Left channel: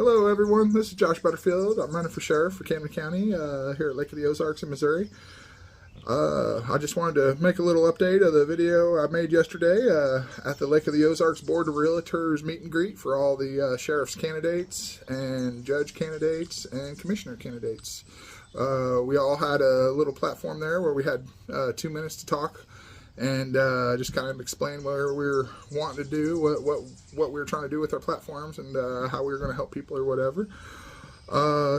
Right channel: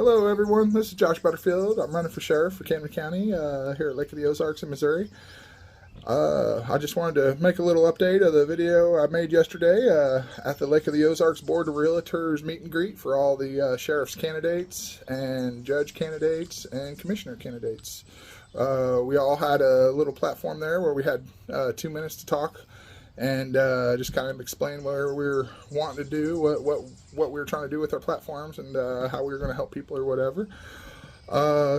Hello everyone, this is Josh Butterfield. I'm running for sheriff for Camden County here at Lake of the Ozarks in Missouri. I just wanted to make a little update of the video I made yesterday at the Lake of the Ozarks Board of Realtors meet and greet for all the sheriff's candidates and judge candidates and commissioner candidates. We all had a little platform there where we had 2 minutes to talk and just kind of explain what we were wanting to do, what we were trying to do with our platforms, and how we were going to help people or whatever.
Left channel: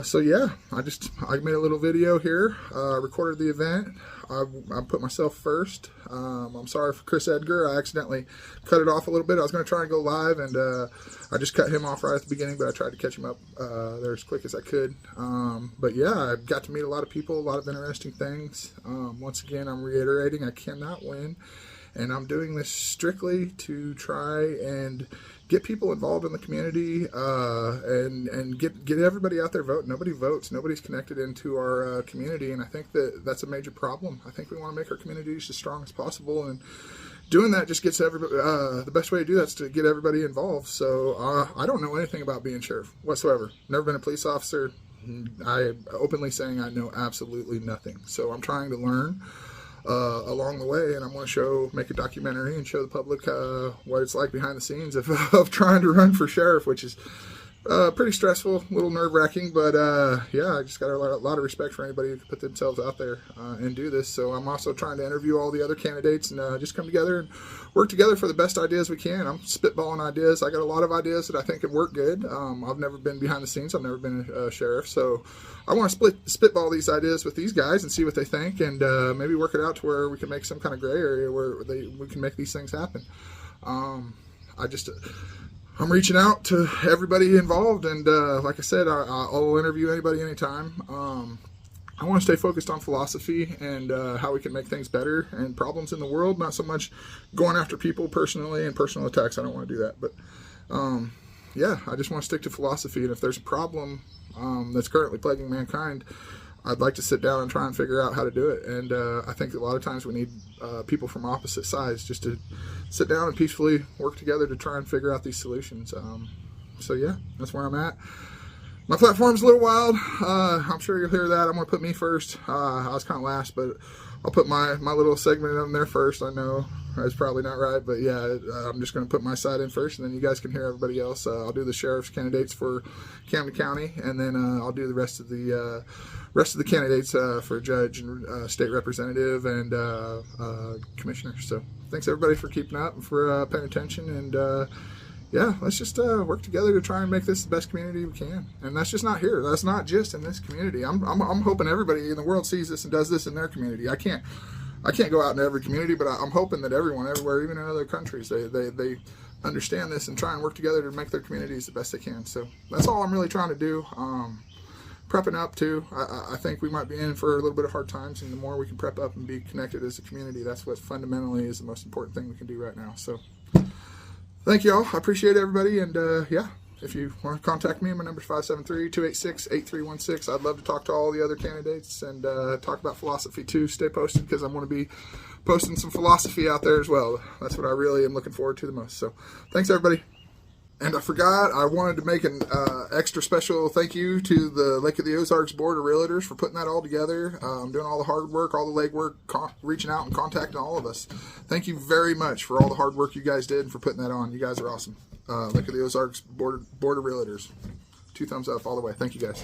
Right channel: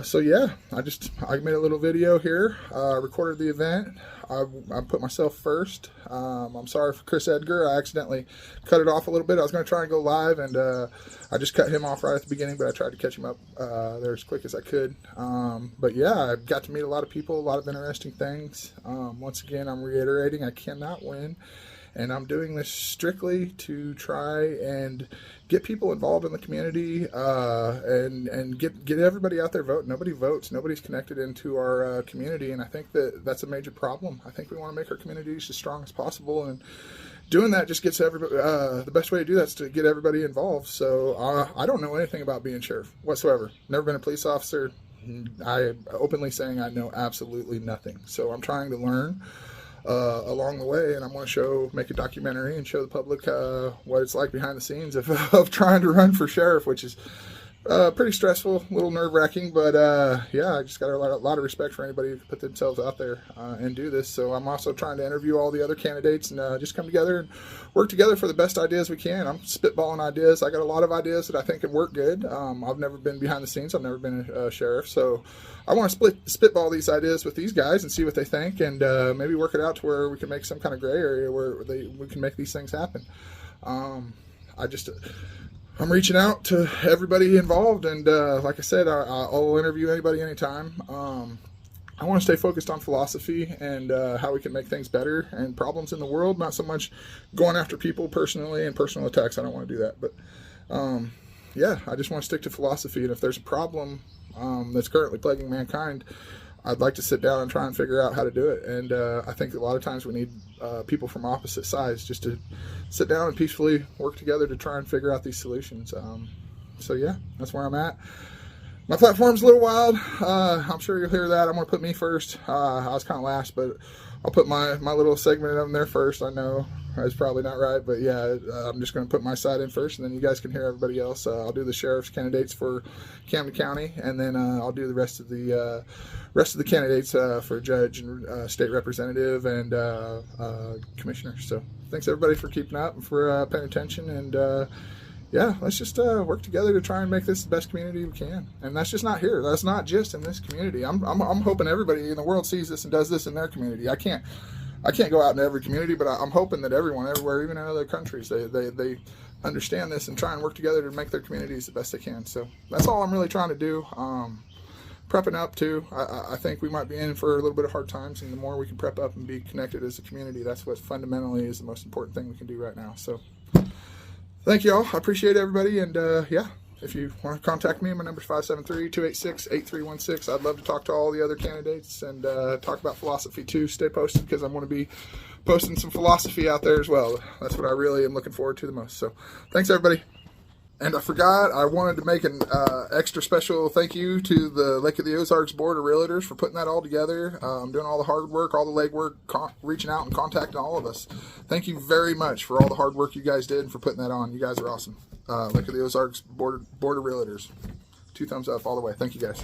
So yeah, I made a little video here. Recorded the event. I put myself first. I'm sorry for Chris Edgar. I accidentally cut it off a little bit. I was going to try and go live, and I just cut him off right at the beginning, but I tried to catch him up there as quick as I could. But yeah, I got to meet a lot of people, a lot of interesting things. Once again, I'm reiterating, I cannot win, and I'm doing this strictly to try and get people involved in the community and get everybody out there voting. Nobody votes. Nobody's connected into our community, and I think that's a major problem. I think we want to make our communities as strong as possible, and doing that just gets everybody. The best way to do that is to get everybody involved. So I don't know anything about being sheriff whatsoever. Never been a police officer. I openly saying I know absolutely nothing. So I'm trying to learn along the way, and I'm going to make a documentary and show the public what it's like behind the scenes of trying to run for sheriff, which is pretty stressful, a little nerve-wracking, but yeah, I just got a lot of respect for anybody who can put themselves out there and do this. So I'm also trying to interview all the other candidates and just come together and work together for the best ideas we can. I'm spitballing ideas. I got a lot of ideas that I think could work good. I've never been behind the scenes. I've never been a sheriff, so I want to spitball these ideas with these guys and see what they think, and maybe work it out to where we can make some kind of gray area where we can make these things happen. I'm reaching out to everybody involved, and like I said, I'll interview anybody anytime. I want to stay focused on philosophy and how we can make things better and problems in the world, not so much going after people personally and personal attacks. I don't want to do that, but yeah, I just want to stick to philosophy, and if there's a problem that's currently plaguing mankind, I'd like to sit down and try and figure out how to do it. And I think a lot of times we need people from opposite sides just to sit down and peacefully work together to try and figure out these solutions. So yeah, that's where I'm at. My platform's a little wild. I'm sure you'll hear that. I'm going to put me first. I was kind of last, but I'll put my little segment of them there first. I know that's probably not right, but yeah, I'm just going to put my side in first, and then you guys can hear everybody else. I'll do the sheriff's candidates for Camden County, and then I'll do the rest of the candidates for judge and state representative and commissioner. So thanks everybody for keeping up and for paying attention, and yeah, let's just work together to try and make this the best community we can. And that's just not here. That's not just in this community. I'm hoping everybody in the world sees this and does this in their community. I can't go out into every community, but I'm hoping that everyone, everywhere, even in other countries, they understand this and try and work together to make their communities the best they can. So that's all I'm really trying to do. Prepping up too. I think we might be in for a little bit of hard times, and the more we can prep up and be connected as a community, that's what fundamentally is the most important thing we can do right now. So thank you all. I appreciate everybody, and yeah, if you want to contact me, my number is 573-286-8316. I'd love to talk to all the other candidates and talk about philosophy too. Stay posted, because I'm going to be posting some philosophy out there as well. That's what I really am looking forward to the most. So thanks everybody. And I forgot, I wanted to make an extra special thank you to the Lake of the Ozarks Board of Realtors for putting that all together, doing all the hard work, all the legwork, reaching out and contacting all of us. Thank you very much for all the hard work you guys did and for putting that on. You guys are awesome. Lake of the Ozarks Board of Realtors. 2 thumbs up all the way. Thank you guys.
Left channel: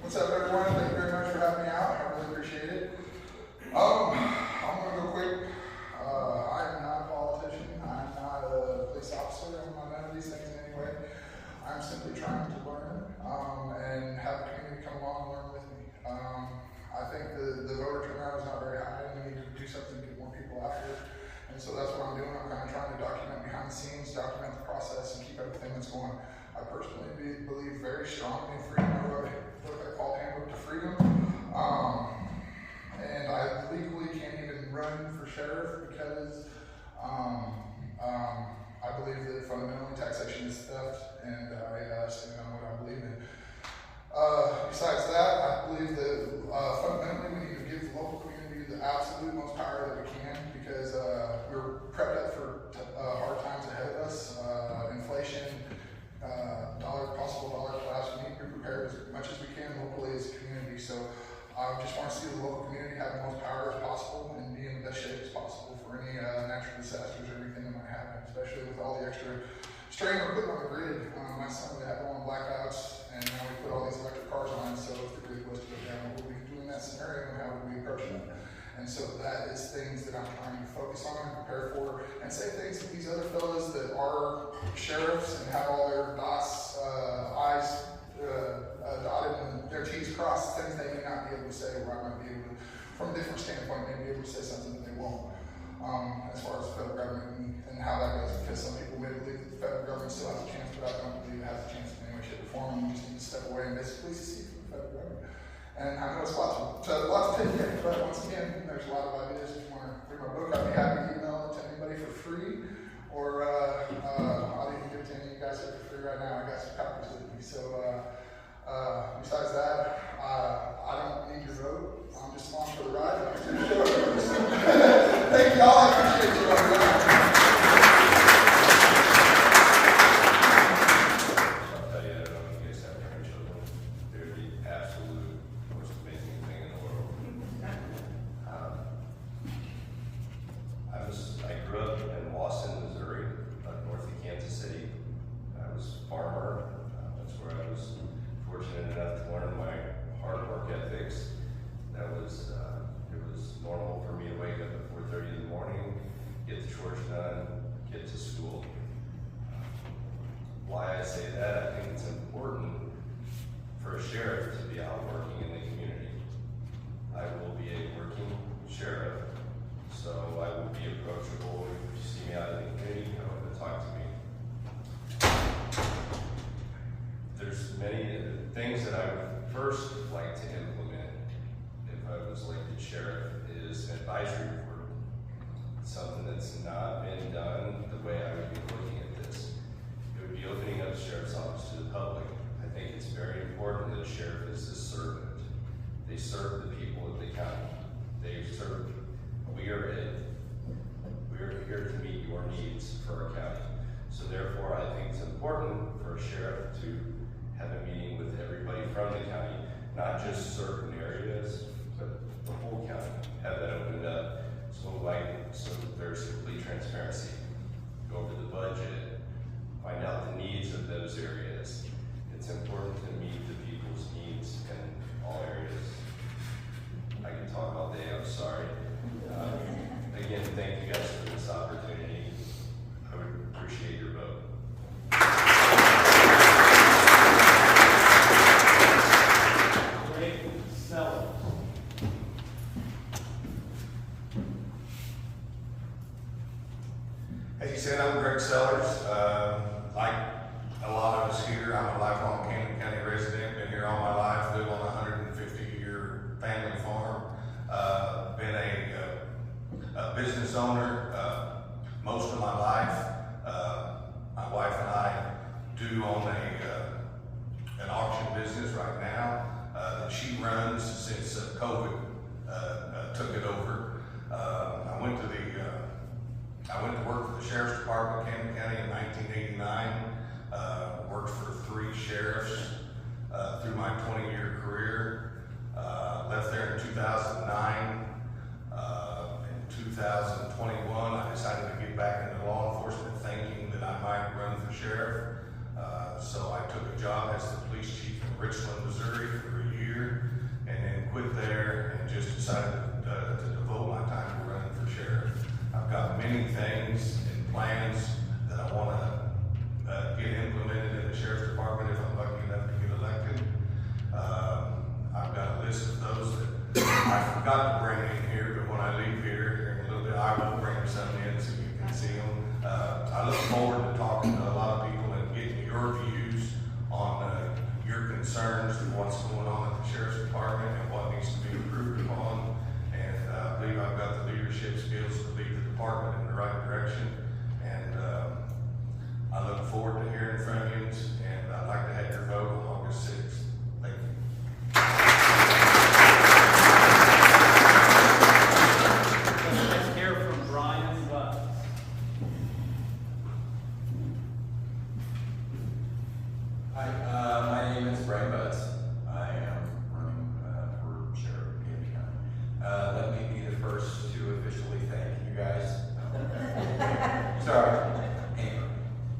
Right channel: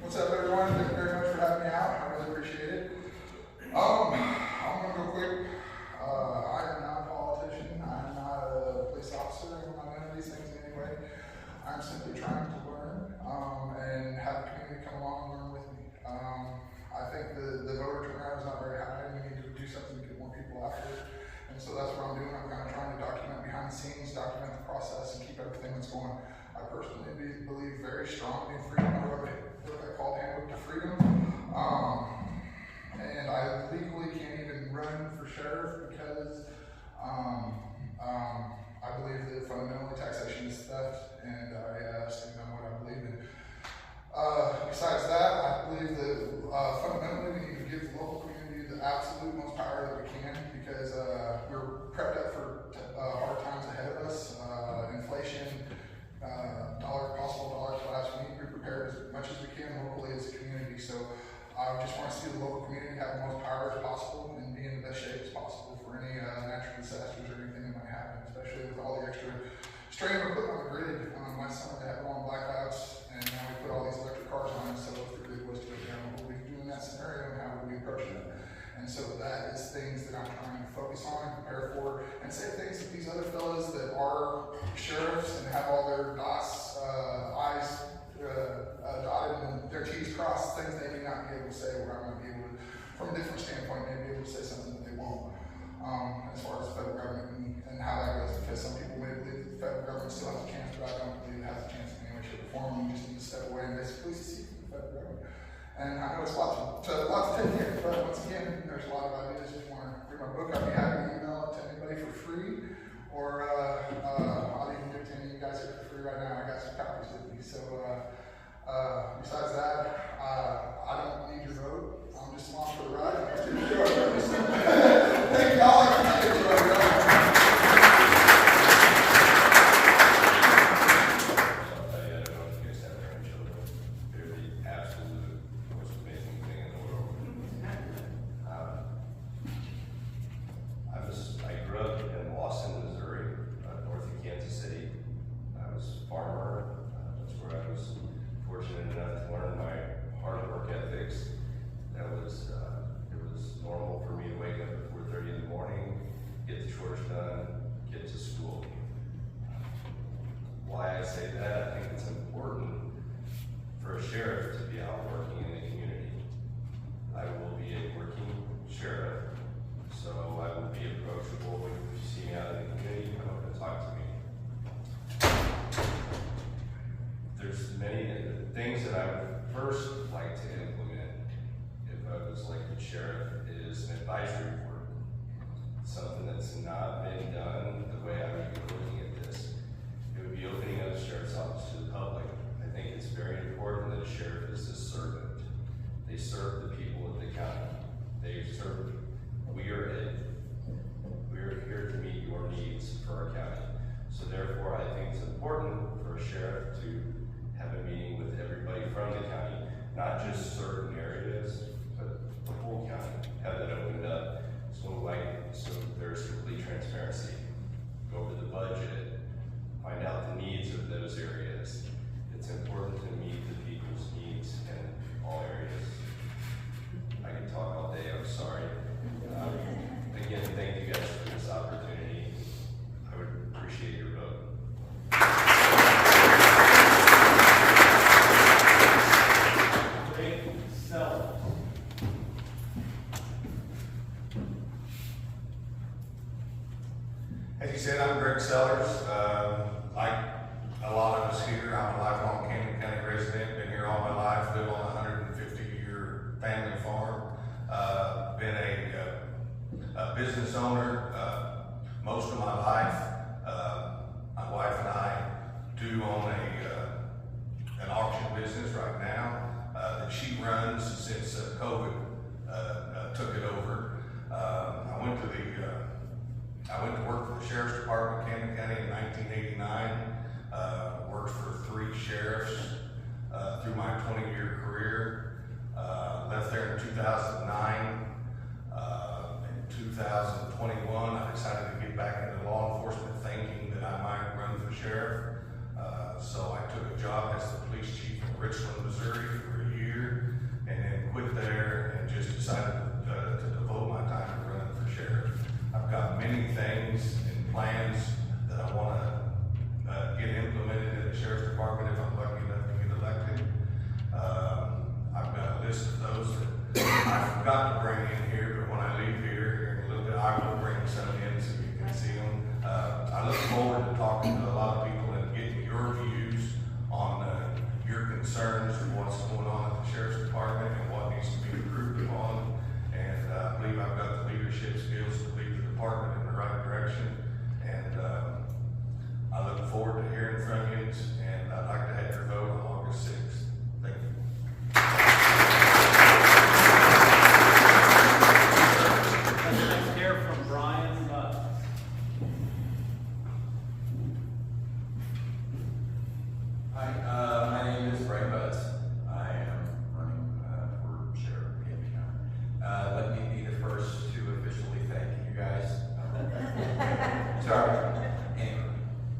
What's up, everyone? Thank you very much for having me out. I really appreciate it. I'm going to go quick. I'm not a politician. I'm not a police officer. I'm not none of these things in any way. I'm simply trying to learn and have the community come along and learn with me. I think the voter turnout is not very high, and we need to do something to get more people out here. And so that's what I'm doing. I'm kind of trying to document behind the scenes, document the process, and keep everything that's going. I personally believe very strongly in freedom. I wrote a book I call Handbook to Freedom. And I legally can't even run for sheriff because I believe that fundamentally taxation is theft, and I stand on what I believe in. Besides that, I believe that fundamentally we need to give the local community the absolute most power that we can, because we're prepped up for hard times ahead of us. Inflation, possible dollar collapse. standpoint, may be able to say something that they won't, as far as the federal government and how that goes, because some people may believe that the federal government still has a chance, but I don't believe it has a chance in any way, shape, or form. We just need to step away and basically secede from the federal government. And I know it's lots of tips here, but once again, there's a lot of ideas. If you want to read my book, I'd be happy to email it to anybody for free, or I'll even give it to any of you guys here for free right now. I got some copies with me. So besides that, I don't need your vote. I'm just along for the ride. Thank you all. I appreciate you. Sheriff to be out working in the community. I will be a working sheriff, so I will be approachable. If you see me out in the community, come up and talk to me. There's many things that I would first like to implement if I was elected sheriff is an advisory board. Something that's not been done the way I would be looking at this. It would be opening up sheriff's office to the public. I think it's very important that a sheriff is a servant. They serve the people of the county. We are here to meet your needs for our county. So therefore, I think it's important for a sheriff to have a meeting with everybody from the county, not just certain areas, but the whole county. Have that opened up so there's complete transparency. Go over the budget, find out the needs of those areas. It's important to meet the people's needs in all areas. I can talk all day, I'm sorry. Again, thank you guys for this opportunity. I would appreciate your vote. Great sellers. As you said, I'm Greg Sellers. Like a lot of us here, I'm a lifelong Camden County resident. Been here all my life. Live on a 150-year family farm. Been a business owner most of my life. My wife and I do own an auction business right now that she runs since COVID took it over. I went to work for the Sheriff's Department of Camden County in 1989. Worked for 3 sheriffs through my 20-year career. Left there in 2009. In 2021, I decided to get back into law enforcement, thinking that I might run for sheriff. So I took a job as the police chief in Richland, Missouri for a year, and then quit there and just decided to devote my time to running for sheriff. I've got many things and plans that I want to get implemented in the sheriff's department if I'm lucky enough to get elected. I've got a list of those that I forgot to bring in here, but when I leave here in a little bit, I will bring some in so you can see them. I look forward to talking to a lot of people and getting your views on your concerns and what's going on at the sheriff's department and what needs to be improved upon. And I believe I've got the leadership skills to lead the department in the right direction. And I look forward to hearing from you, and I'd like to have your vote on August 6th. Thank you. Let's hear from Brian Butt. Hi, my name is Brian Butts. I am running for sheriff of Camden County. Let me be the first to officially thank you guys. Sorry. Anyway,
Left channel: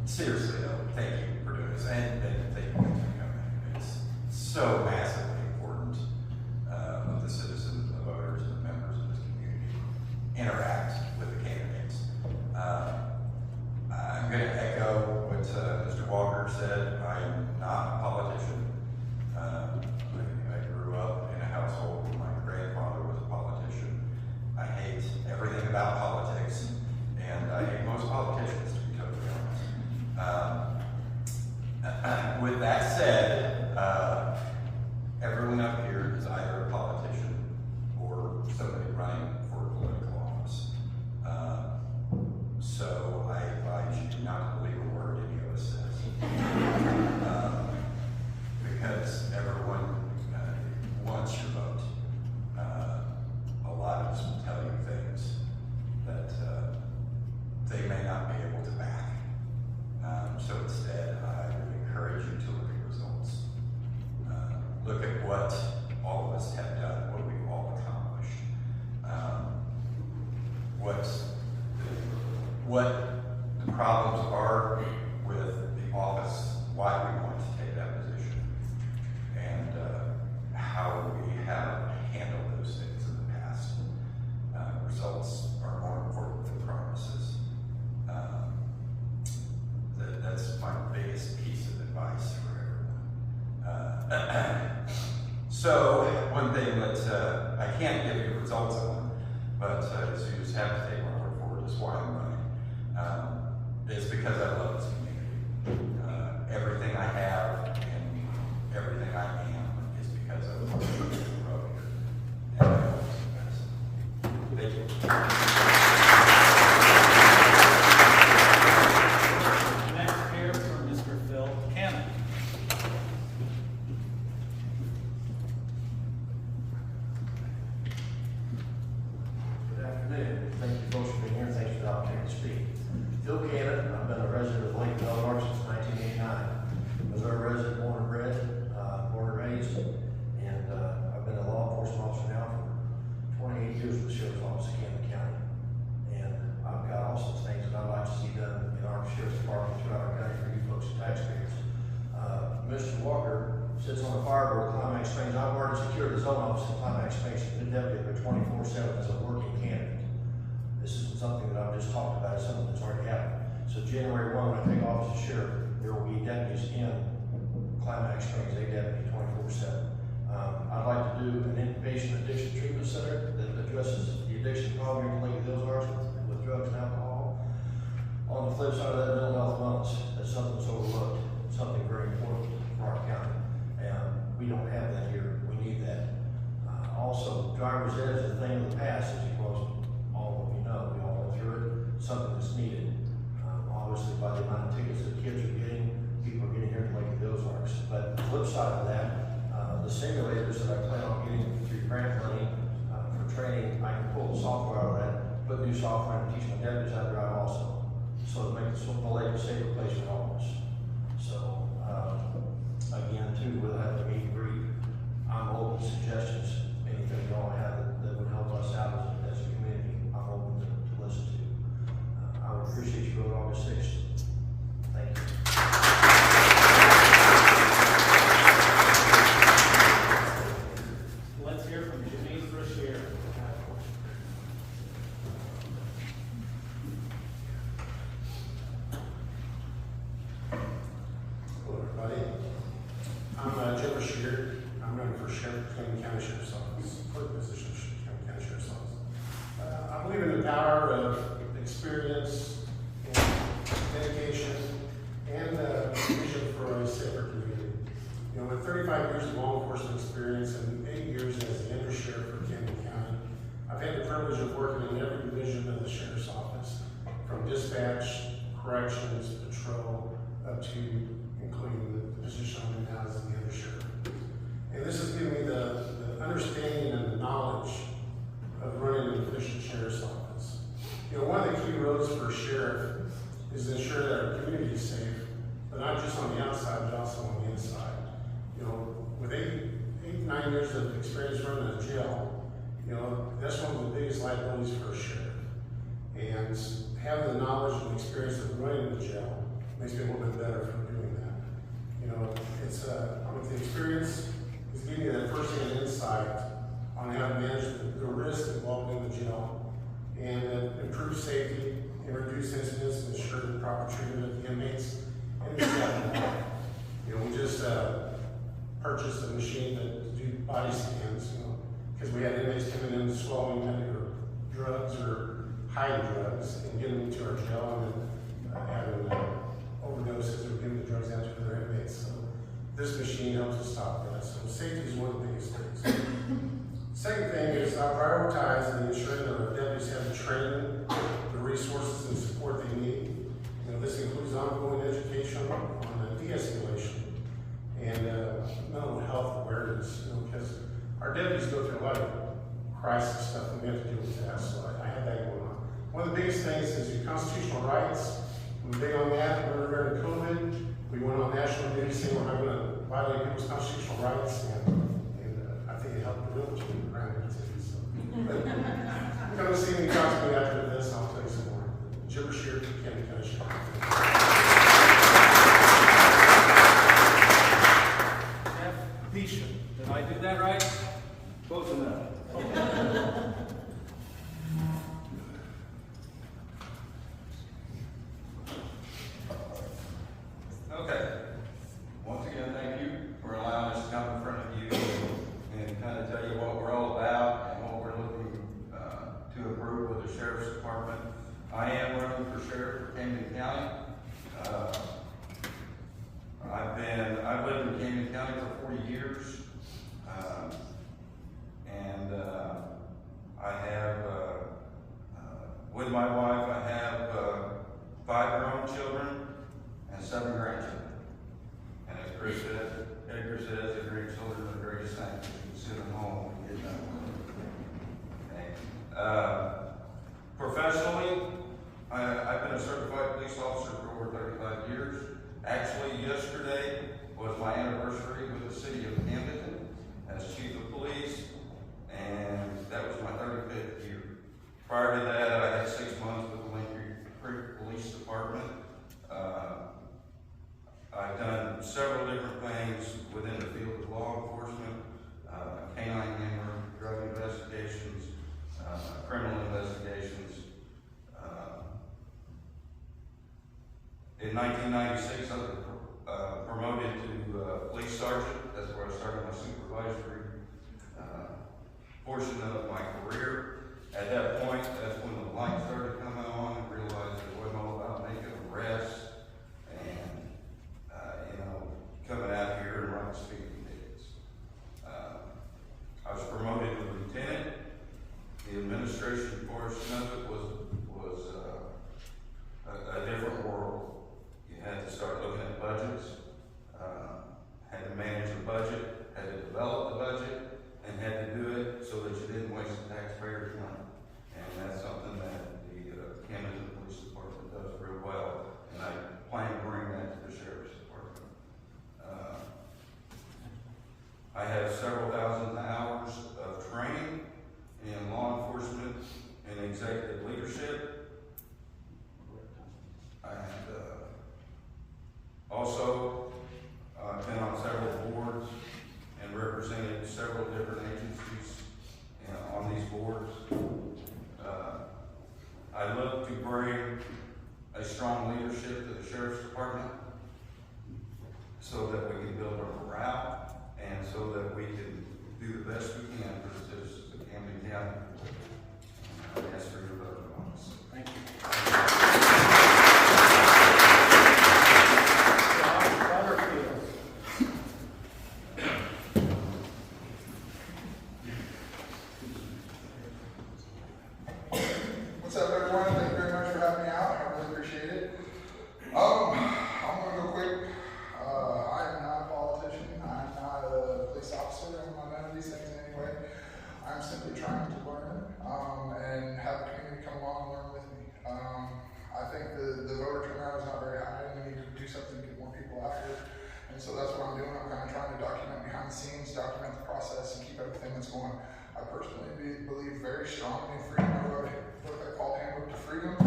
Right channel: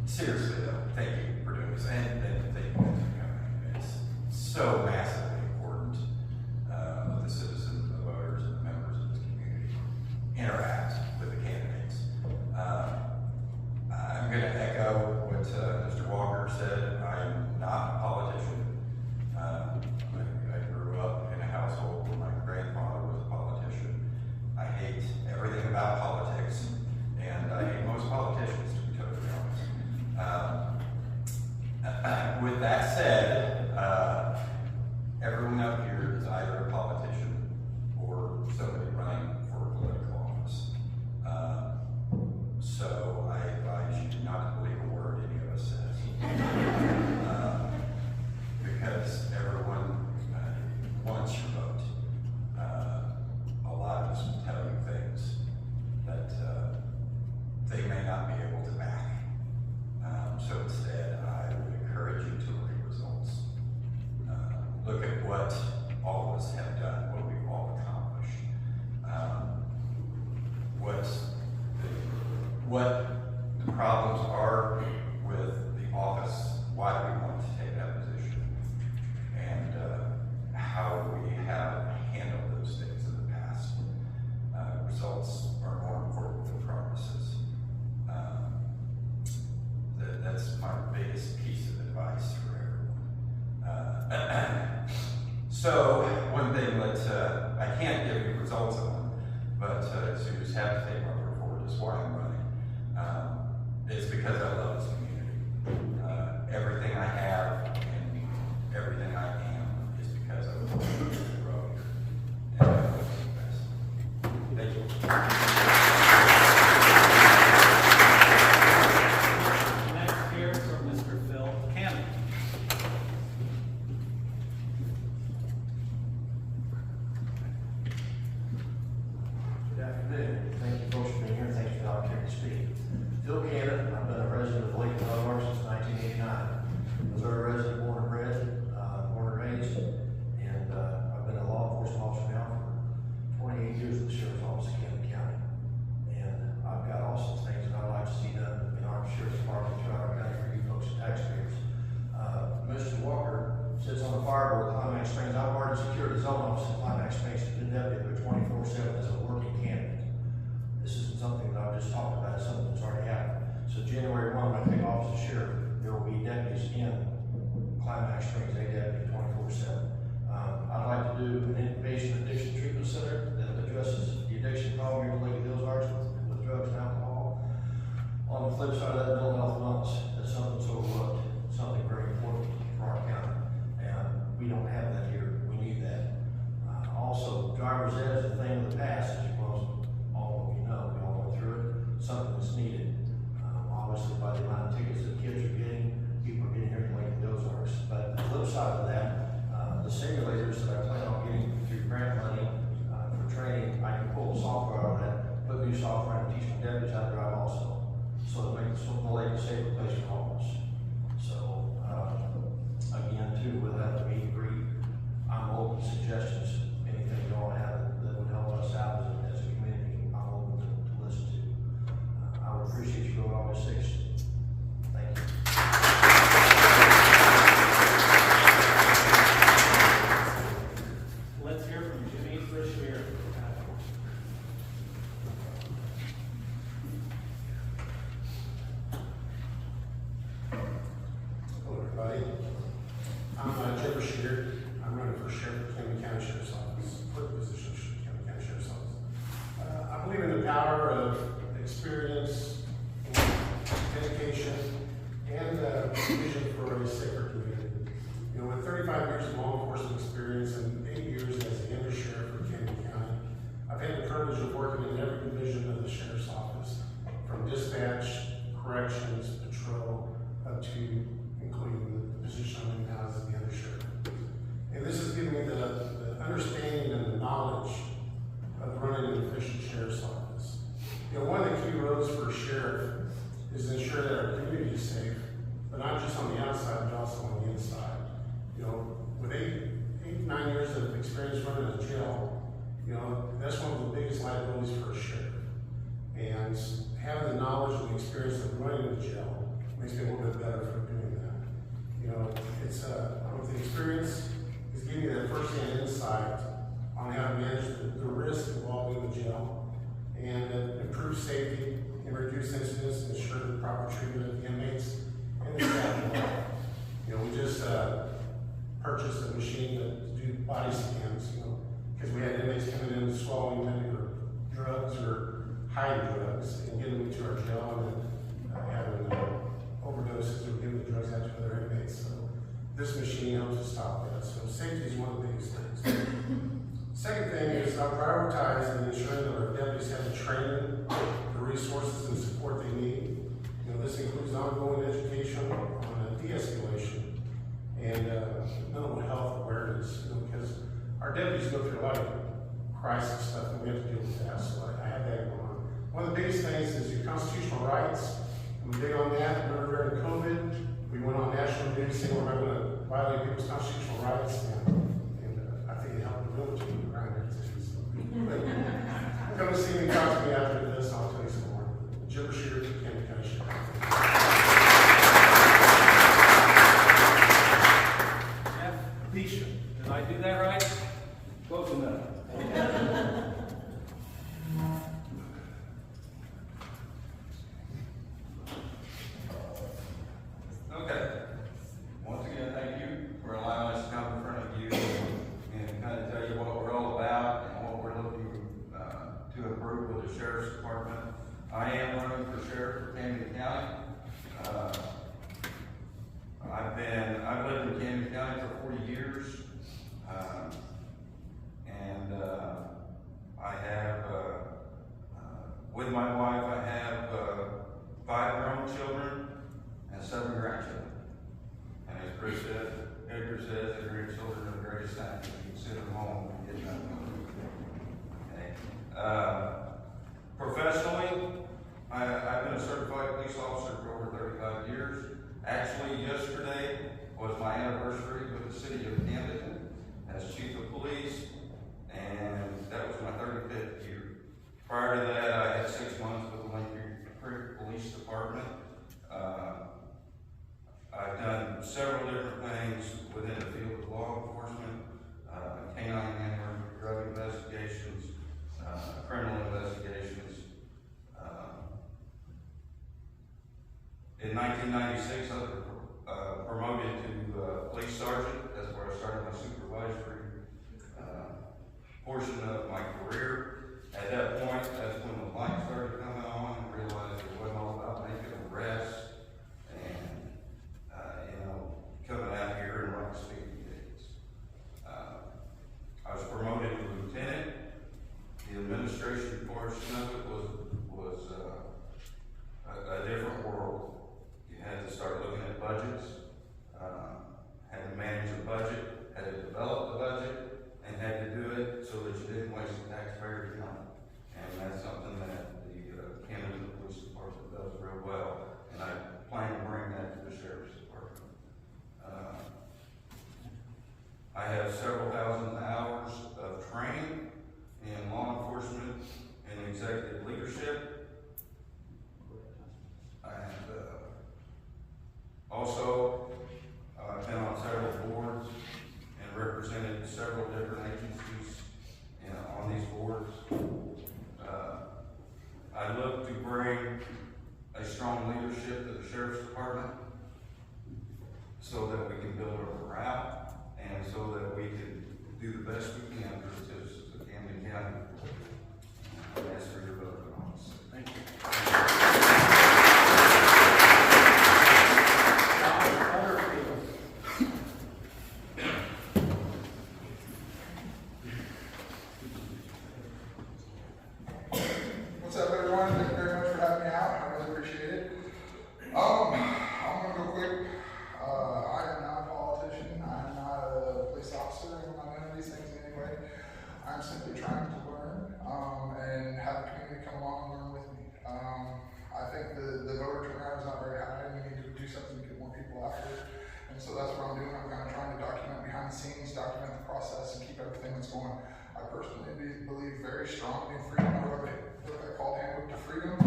seriously though, thank you for doing this, and thank you guys for coming. It's so massively important of the citizens, the voters, and the members of this community interact with the candidates. I'm going to echo what Mr. Walker said. I'm not a politician. I grew up in a household where my grandfather was a politician. So one thing that I can't give you results on, but so you just have to take my word for it, is why I'm running. It's because I love this community. Everything I have and everything I am is because I love the community here. And I love you guys. Thank you. Next here from Mr. Phil Cannon. Good afternoon. Thank you folks for being here. Thanks for the opportunity to speak. Phil Cannon, I've been a resident of Lake Delaware since 1989. Missouri resident, born and bred, born and raised, and I've been a law enforcement officer now for 28 years with the Sheriff's Office of Camden County. And I've got awesome things that I'd like to see done in our Sheriff's Department throughout our county for you folks and taxpayers. Mr. Walker sits on the fire board at Climax Springs. I've already secured the zone office in Climax Springs, been deputy there 24/7 as a working candidate. This isn't something that I've just talked about, it's something that's already happened. So January 1, when I take office as sheriff, there will be deputies in Climax Springs, a deputy 24/7. I'd like to do an inpatient addiction treatment center that addresses the addiction problem here in Lake of the Ozarks with drugs and alcohol. On the flip side of that, mental health wellness, that's something that's overlooked, something very important for our county. And we don't have that here, we need that. Also, driver's ed is a thing of the past, as you well all we know, we all went through it, something that's needed. Obviously, by the amount of tickets that kids are getting, people are getting here to Lake of the Ozarks. But the flip side of that, the simulators that I plan on getting through grant money for training, I can pull the software on that, put new software and teach my deputies how to drive also. So it makes the lake a safer place for all of us. So, again, too, we'll have the meet and greet. I'm open to suggestions, anything you all have that would help us out as a community, I'm open to listen to. I would appreciate you voting August 6th. Thank you. Let's hear from Jimmy Brashear. Hello, everybody. I'm Jim Bashir. I'm running for Sheriff of Camden County Sheriff's Office, for the position of Camden County Sheriff's Office. I believe in the power of experience and dedication and vision for a safer community. You know, with 35 years of law enforcement experience and 8 years as the undersheriff for Camden County, I've had the privilege of working in every division of the Sheriff's Office, from dispatch, corrections, patrol, up to including the position I'm in now as the undersheriff. And this has given me the understanding and the knowledge of running an efficient sheriff's office. You know, one of the key roles for a sheriff is to ensure that our community is safe, but not just on the outside, but also on the inside. You know, with 9 years of experience running a jail, you know, that's one of the biggest liabilities for a sheriff. And having the knowledge and experience of running a jail makes me a little bit better for doing that. You know, it's with the experience is giving you that first-hand insight on how to manage the risk involved in the jail and improve safety and reduce incidents and ensure the proper treatment of the inmates and the staff. You know, we just purchased a machine to do body scans, you know, because we had inmates coming in swallowing either drugs or hiding drugs and getting them to our jail and then having overdoses or giving the drugs out to their inmates. So this machine helps us stop that. So safety is one of the biggest things. Second thing is I prioritize and ensure that our deputies have the training, the resources and support they need. You know, this includes ongoing education on de-escalation and mental health awareness, you know, because our deputies go through a lot of crisis stuff and we have to deal with that. So I have that going on. One of the biggest things is your constitutional rights. We're big on that. Remember during COVID, we went on national news saying we're going to violate people's constitutional rights, and I think it helped the real team around here too. So. Come see me, talk to me after this, I'll tell you some more. Jim Bashir, Camden County Sheriff. Jeff Bishop, did I do that right? Close enough. Okay. Once again, thank you for allowing us to come in front of you the city of Camden as chief of police, and that was my 35th year. Prior to that, I had 6 months with the Lincoln Creek Police Department. I've done several different things within the field of law enforcement, canine handling, drug investigations, criminal investigations. In 1996, I was promoted to police sergeant. That's where I started my supervisory portion of my career. At that point, that's when the light started coming on and realized it wasn't all about making arrests and, coming out here and running speeding tickets. I was promoted to lieutenant. The administration portion of it was a different world. You had to start looking at budgets, had to manage a budget, had to develop the budget, and had to do it so that you didn't waste the taxpayers' money. And that's something that the Camden Police Department does real well, and I plan to bring that to the Sheriff's Department. I have several thousand hours of training in law enforcement and executive leadership. And also, I've been on several boards and represented several different agencies on these boards. I look to bring a strong leadership to the Sheriff's Department so that we can build our morale and so that we can do the best we can for the citizens of Camden County. I ask for your vote on this. Thank you. What's up, everyone? Thank you very much for having me out. I really appreciate it. I'm gonna go quick. I'm not a politician. I'm not a police officer. I'm not none of these things in any way. I'm simply trying to learn and have the community come along and learn with me. I think the voter turnout is not very high, and we need to do something to get more people out here. And so that's what I'm doing. I'm kind of trying to document behind the scenes, document the process, and keep everything that's going. I personally believe very strongly in freedom. I wrote a book I call Handbook to Freedom.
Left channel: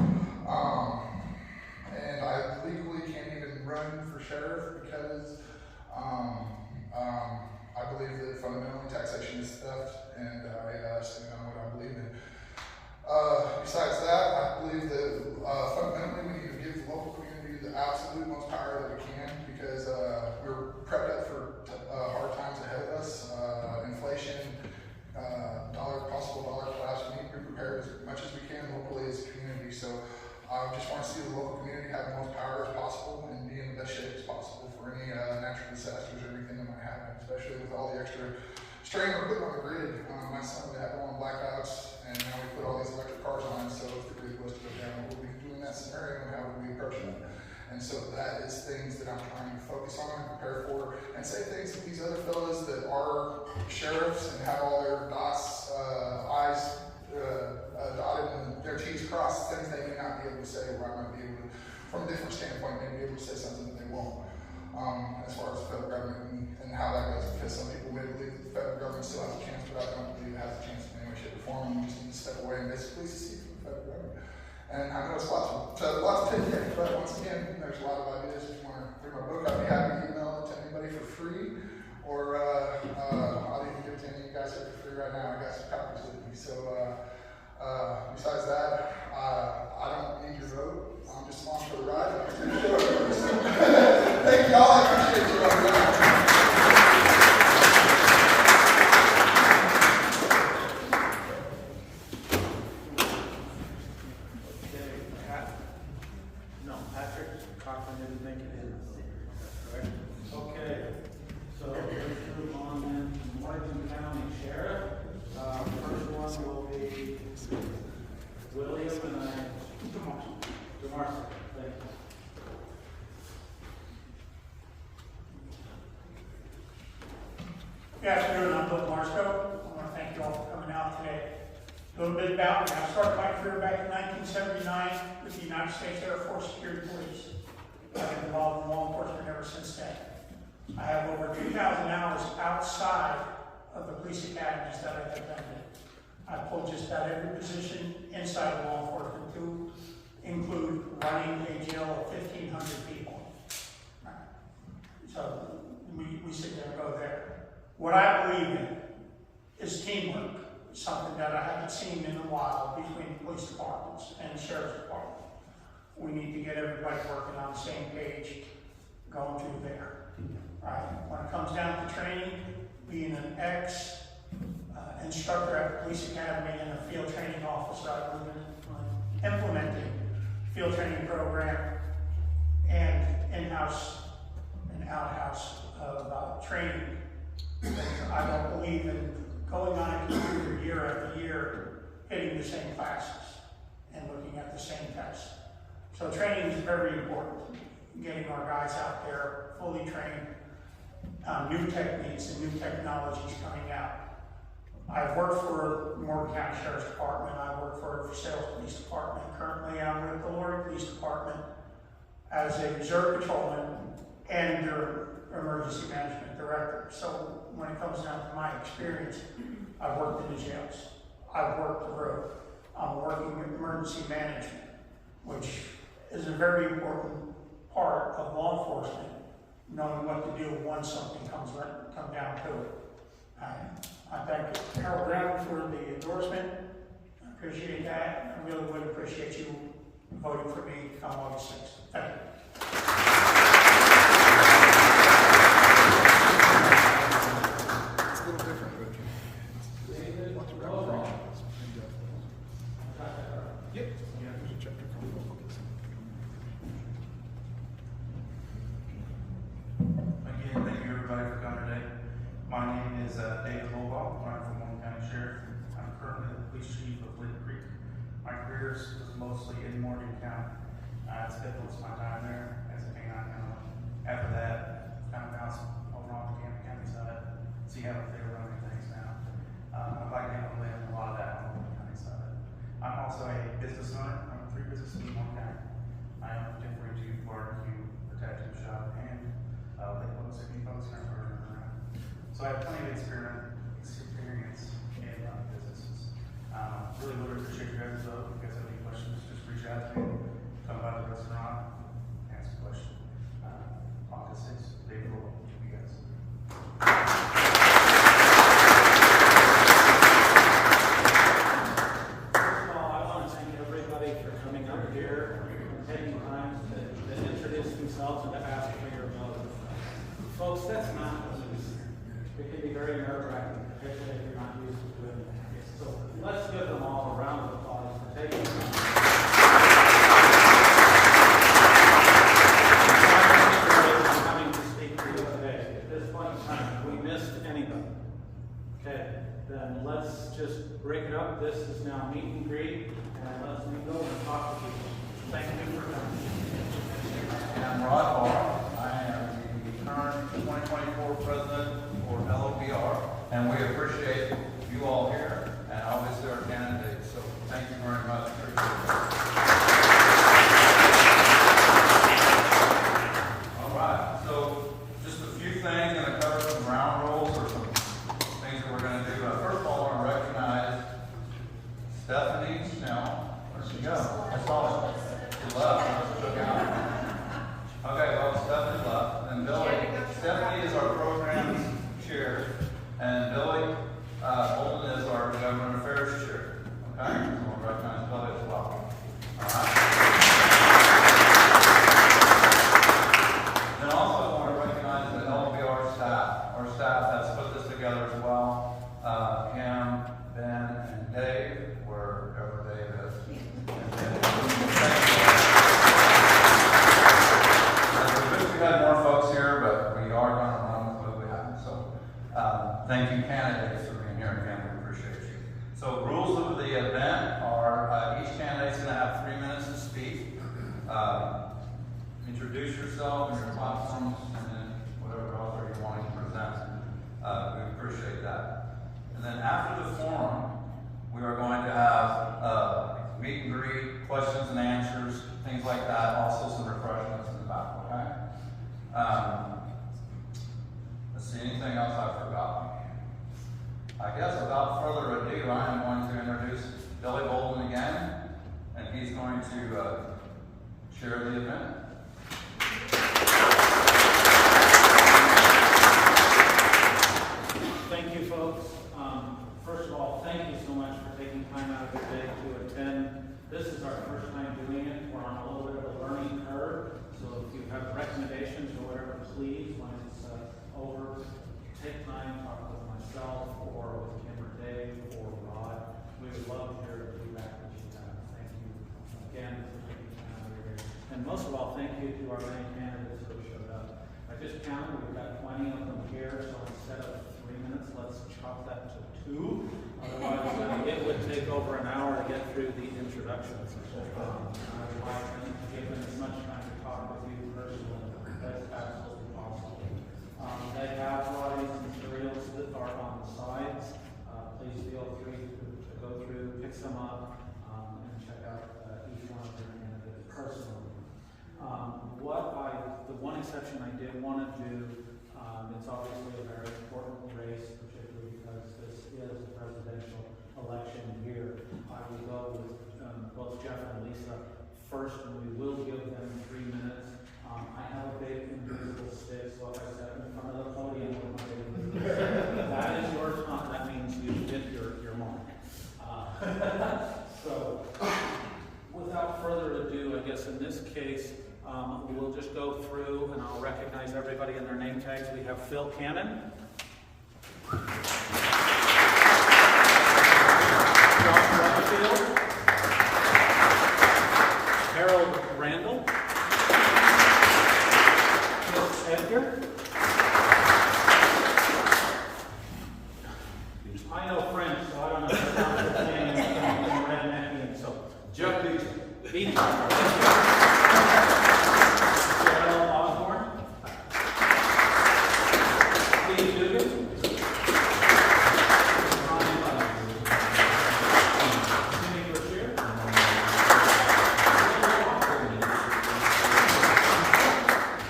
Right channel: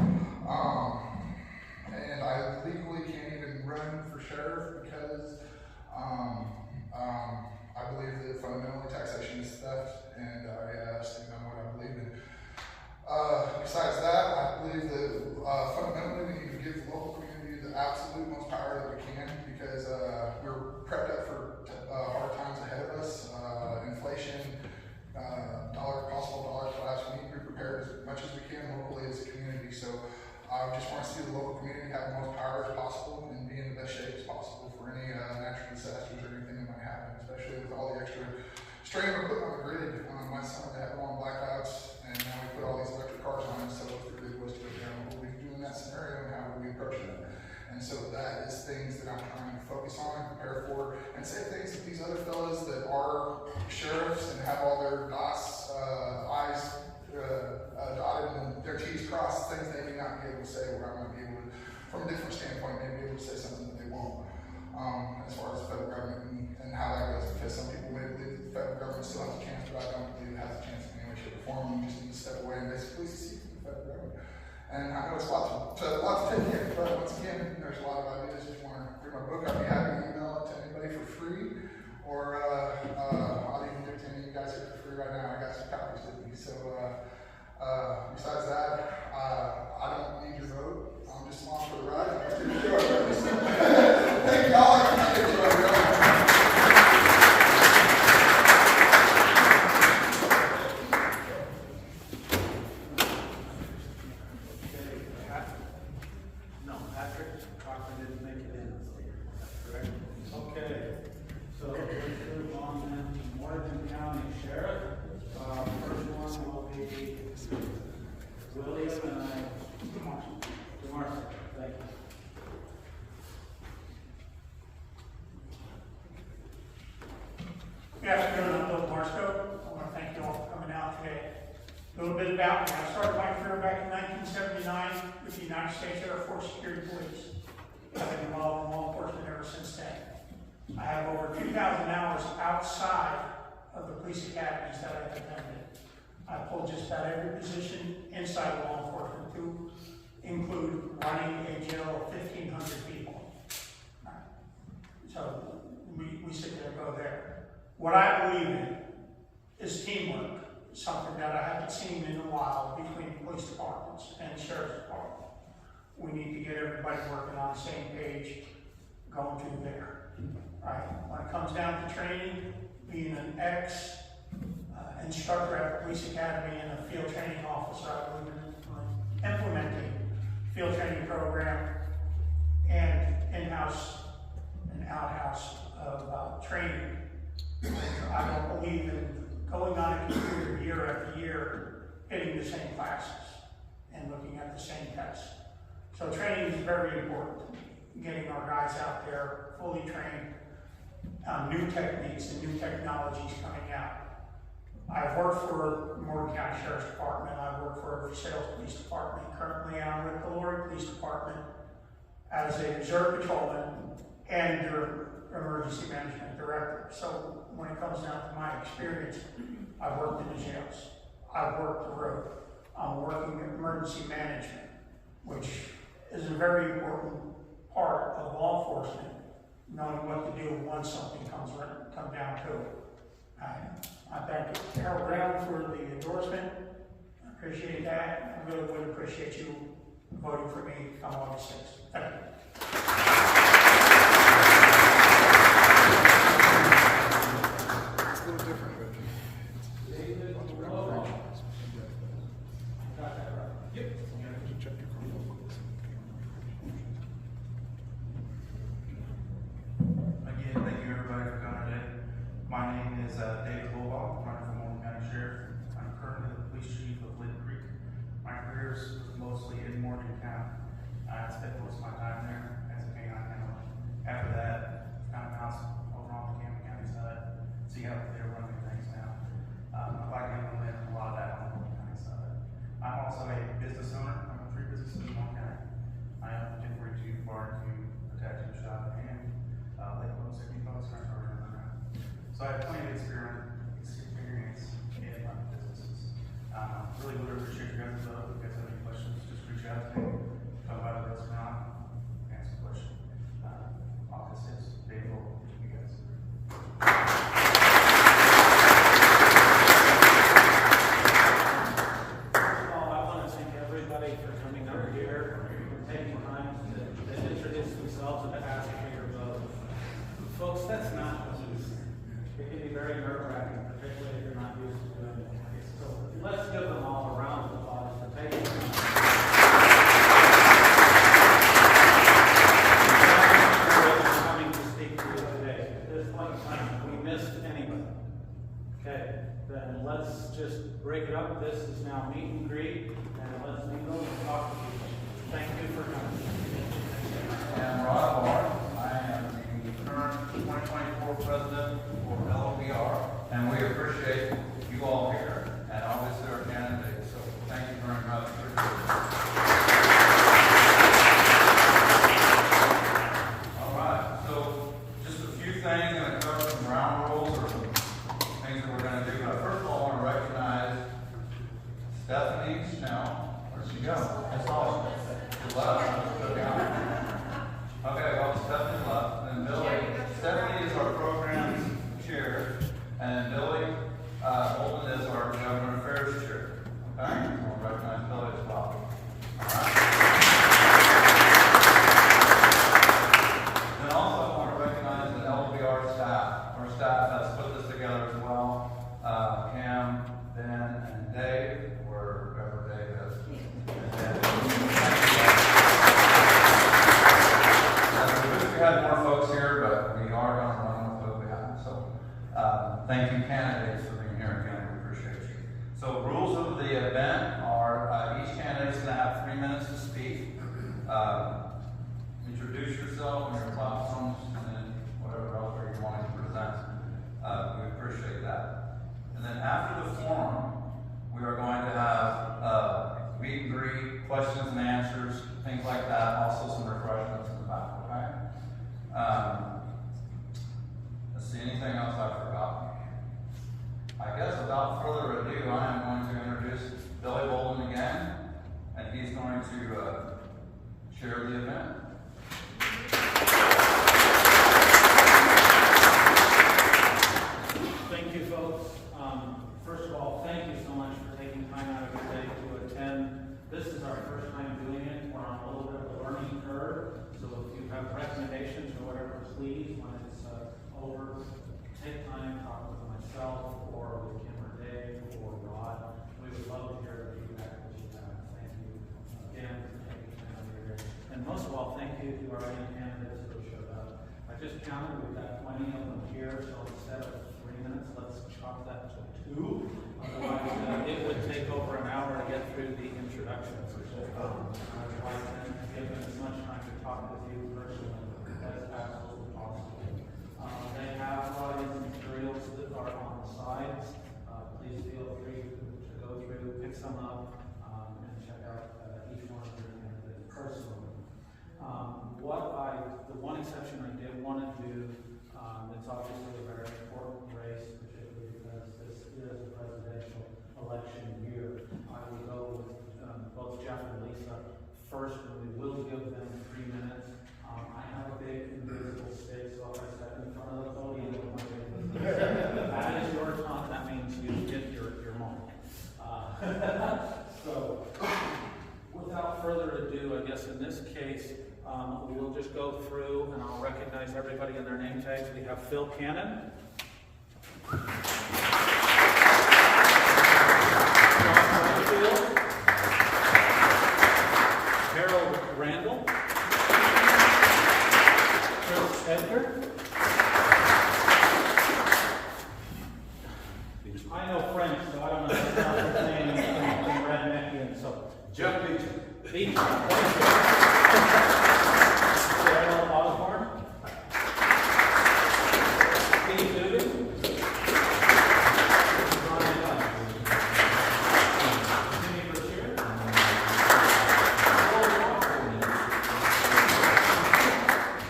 And I legally can't even run for sheriff because I believe that fundamentally taxation is theft, and I stand on what I believe in. Besides that, I believe that fundamentally we need to give the local community the absolute most power that we can because we're prepped up for hard times ahead of us. Inflation, dollar class, we need to be prepared as much as we can locally as a community. So I just want to see the local community have the most power as possible and be in the best shape as possible for any natural disasters or anything that might happen, especially with all the extra strain we're putting on the grid. Last summer they had on blackouts, and now we put all these electric cars on it, so if the grid was to go down, what would we do in that scenario and how would we approach it? And so that is things that I'm trying to focus on and prepare for, and say things that these other fellas that are sheriffs and have all their I's dotted and their T's crossed, things they may not be able to say, or I'm going to be able to, from a different standpoint, maybe be able to say something that they won't, as far as the federal government and how that goes, because some people may believe that the federal government still has a chance, but I don't believe it has a chance in any way, shape, or form, and we just need to step away and basically secede from the federal government. And I know it's lots of tips here, but once again, there's a lot of ideas. If you want to read my book, I'd be happy to email it to anybody for free, or I'll even give it to any of you guys here for free right now. I got some copies with me. So besides that, I don't need your vote. I'm just along for the ride. Thank you all. I appreciate you. Okay, so let's move on then to Morgan County Sheriff. First one will be William and DeMarco. Thank you. Good afternoon, I'm Bill Marsco. I want to thank you all for coming out today. A little bit about me. I started my career back in 1979 with the United States Air Force Security Police. I've been involved in law enforcement ever since then. I have over 2,000 hours outside of the police academies that I've attended. I pulled just about every position inside law enforcement to include running a jail of 1,500 people. So we sit there, go there. What I believe in is teamwork, something that I haven't seen in a while between police departments and sheriff's department. We need to get everybody working on the same page, going through there. Right? When it comes down to training, being an instructor at the police academy and a field training officer, implementing field training program and in-house and out-house of training. I don't believe in going on a computer year after year, hitting the same classes and looking at the same tests. So training is very important. Getting our guys out there fully trained on new techniques and new technologies coming out. I've worked for Morgan County Sheriff's Department. I work for Sales Police Department. Currently, I'm with the Lord Police Department as a reserve patrolman and their emergency management director. So when it comes down to my experience, I've worked in the jails. I've worked the road. I'm working in emergency management, which is a very important part of law enforcement, knowing what to do once something comes down to it. I thank Harold Brown for the endorsement. I appreciate that. I really would appreciate you voting for me on August 6th. Thank you. It's a little different, but lots of round three. Yep. There's a chapter called vocals. Again, thank you everybody for coming today. My name is David Wolbach. I'm from Morgan County Sheriff. I'm currently the police chief of Lynn Creek. My career is mostly in Morgan County. I spent most of my time there as a canine handler. After that, found a house over on the Camden County side. See how they're running things now. If I can implement a lot of that on the Morgan County side. I'm also a business owner. I'm a 3 businesses in Morgan County. I own a temporary tube barbecue, a tattoo shop, and they post a new post program around. So I have plenty of experience in running businesses. Really would appreciate your guys' help. If you guys have any questions, just reach out to me. Come by the restaurant, ask a question. August 6th, big role to you guys. First of all, I want to thank everybody for coming over here and taking time to introduce themselves and to ask for your vote. Folks, that's not easy. It can be very nerve-wracking, particularly if you're not used to doing it. So let's give them all a round of applause for taking time. Coming to speak to you today. At this point in time, if we missed anybody, okay, then let's just break it up. This is now meet and greet, and let's go and talk to people. Thank you for coming. I'm Rod Barr. I am the current 2024 president for LOBR, and we appreciate you all here, and obviously our candidates. So thank you very much. All right. So just a few things, and to cover some ground rules or some things that we're going to do. First of all, I want to recognize Stephanie Snell. Where'd she go? That's awesome. Okay, well, Stephanie left, and Billy. Stephanie is our program chair, and Billy Bolton is our government affairs chair. Okay, so we'll recognize Billy as well. All right. Then also I want to recognize the LBR staff. Our staff has put this together as well. Cam, Ben, and Dave, wherever Dave is. We had more folks here, but we are going to run with what we have. So thank you, candidates, for being here again. We appreciate you. So rules of the event are each candidate's going to have 3 minutes to speak. Introduce yourself and your platforms, and then whatever else you're going to present. We appreciate that. And then after the forum, we are going to have meet and greet, questions and answers, things like that. Also some refreshments in the back. Okay. First of all, thank you so much for taking time out of your day to attend. This is our first time doing it. We're on a little bit of a learning curve. So if you have recommendations or whatever, please, when it's over, take time, talk with myself or with Kim or Dave or Rod. We would love to hear the feedback that you have. Thank you again for taking time out of your day. And most of all, thank you to our many candidates who showed up. I just counted, we've got plenty of them here, so instead of 3 minutes, let's chop that to 2. Otherwise, it would take over an hour to get through the introductions. I'd like to give them as much time to talk with you personally as absolutely possible. They have these materials that are on the sides. Please feel free to go through, pick some up, and check out each one of them personally. The one exception I did want to do, it's obviously a very important race, particularly because this is a presidential election year. I will go with both Jeff and Lisa first, and we will give them 3 minutes. I have a big invisible stick, so if I step in front of the podium with my big that is your time. That means you get your moment. So, without further ado, I guess in this case, we'll just go through and I'll recognize everybody in their name tags. We have Phil Cannon, John Butterfield, Harold Randall, Chris Edgar. I know French, so I don't know how to pronounce his name in Redneckian, so Jeff Beach. Cheryl Osborne, Steve Dugan, Jimmy Brashear,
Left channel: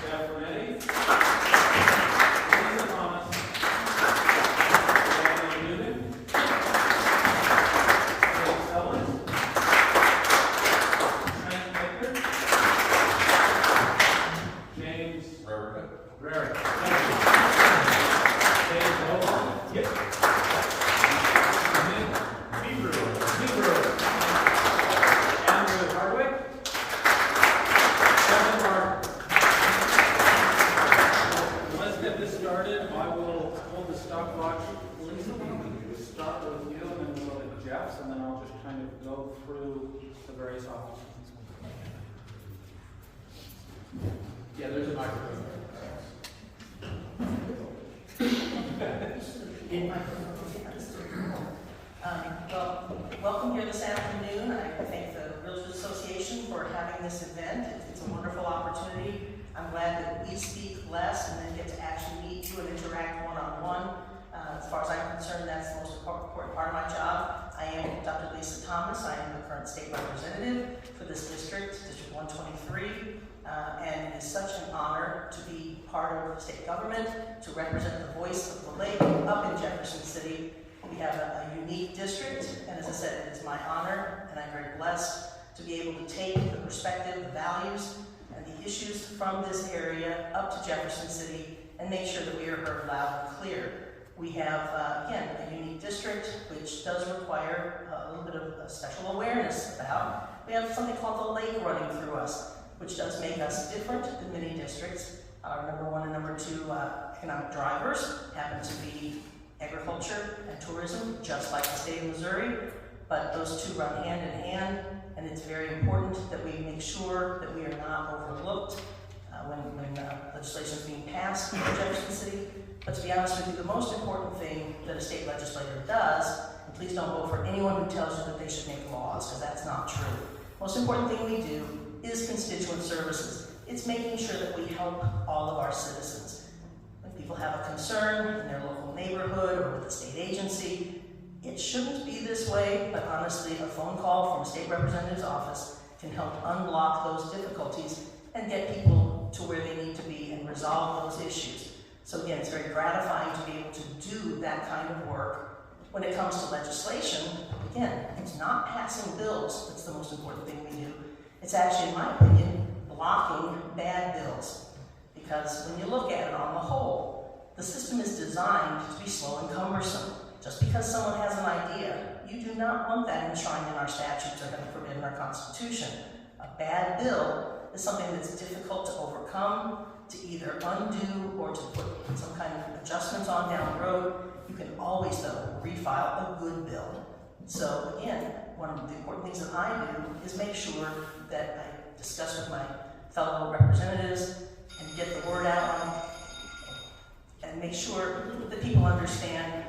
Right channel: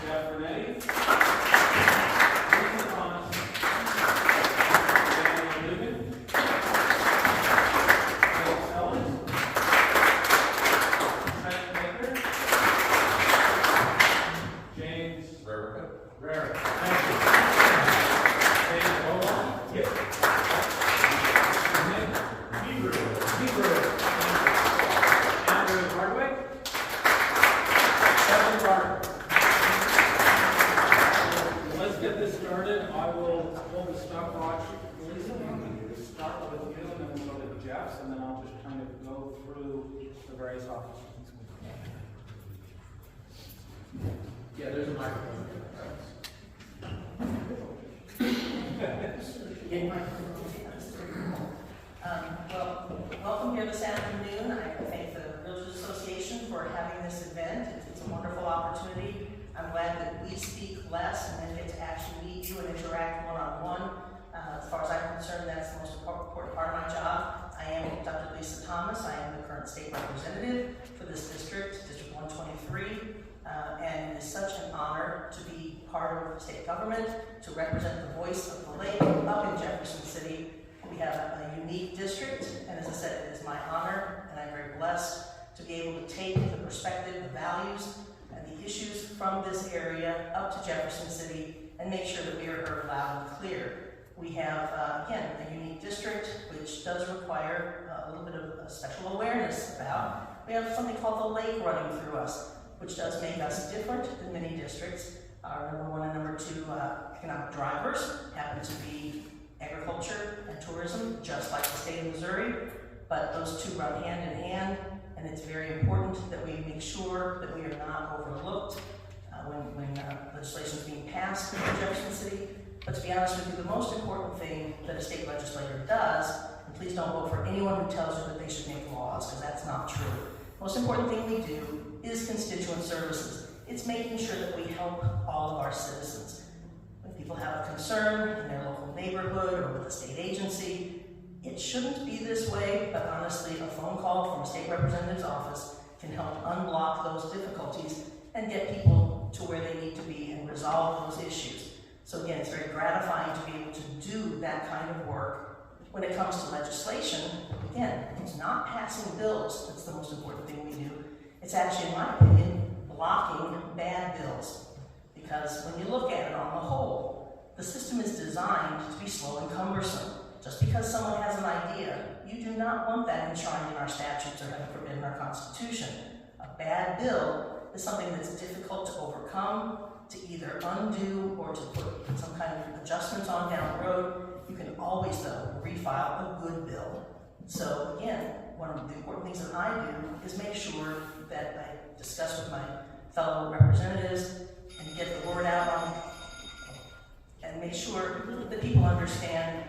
Jeff Bernetti, Lisa Thomas, Daniel Newman, Dave Sellers, Trent Baker, James Rarick. Thank you. Dave Rowland. Yep. Nick Hebrew. Andrew Hardwick. Kevin Gardner. Let's get this started. I will hold the stopwatch. Lisa, we start with you and then we'll go to Jeff's, and then I'll just kind of go through the various offices. Yeah, there's a microphone. Welcome here this afternoon. I thank the Realtors Association for having this event. It's a wonderful opportunity. I'm glad that we speak less and then get to actually meet you and interact one-on-one. As far as I'm concerned, that's the most important part of my job. I am Dr. Lisa Thomas. I am the current state representative for this district, District 123. And it is such an honor to be part of state government, to represent the voice of the lake up in Jefferson City. We have a unique district, and as I said, it is my honor, and I'm very blessed to be able to take the perspective, the values, and the issues from this area up to Jefferson City and make sure that we are heard loud and clear. We have, again, a unique district, which does require a little bit of special awareness about. We have something called the lake running through us, which does make us different than many districts. Our number 1 and number 2 economic drivers happen to be agriculture and tourism, just like the state of Missouri, but those two run hand in hand, and it's very important that we make sure that we are not overlooked when legislation is being passed in Jefferson City. But to be honest with you, the most important thing that a state legislator does, and please don't vote for anyone who tells you that they should make laws, because that's not true. The most important thing we do is constituent services. It's making sure that we help all of our citizens. If people have a concern in their local neighborhood or with a state agency, it shouldn't be this way, but honestly, a phone call from a state representative's office can help unblock those difficulties and get people to where they need to be and resolve those issues. So again, it's very gratifying to be able to do that kind of work. When it comes to legislation, again, it's not passing bills that's the most important thing we do. It's actually, in my opinion, blocking bad bills. Because when you look at it on the whole, the system is designed to be slow and cumbersome. Just because someone has an not want that enshrined in our statutes or in our Constitution. A bad bill is something that's difficult to overcome, to either undo or to put some kind of adjustments on down the road. You can always, though, refile a good bill. So again, one of the important things that I do is make sure that I discuss with my fellow representatives and get the word out and make sure that people understand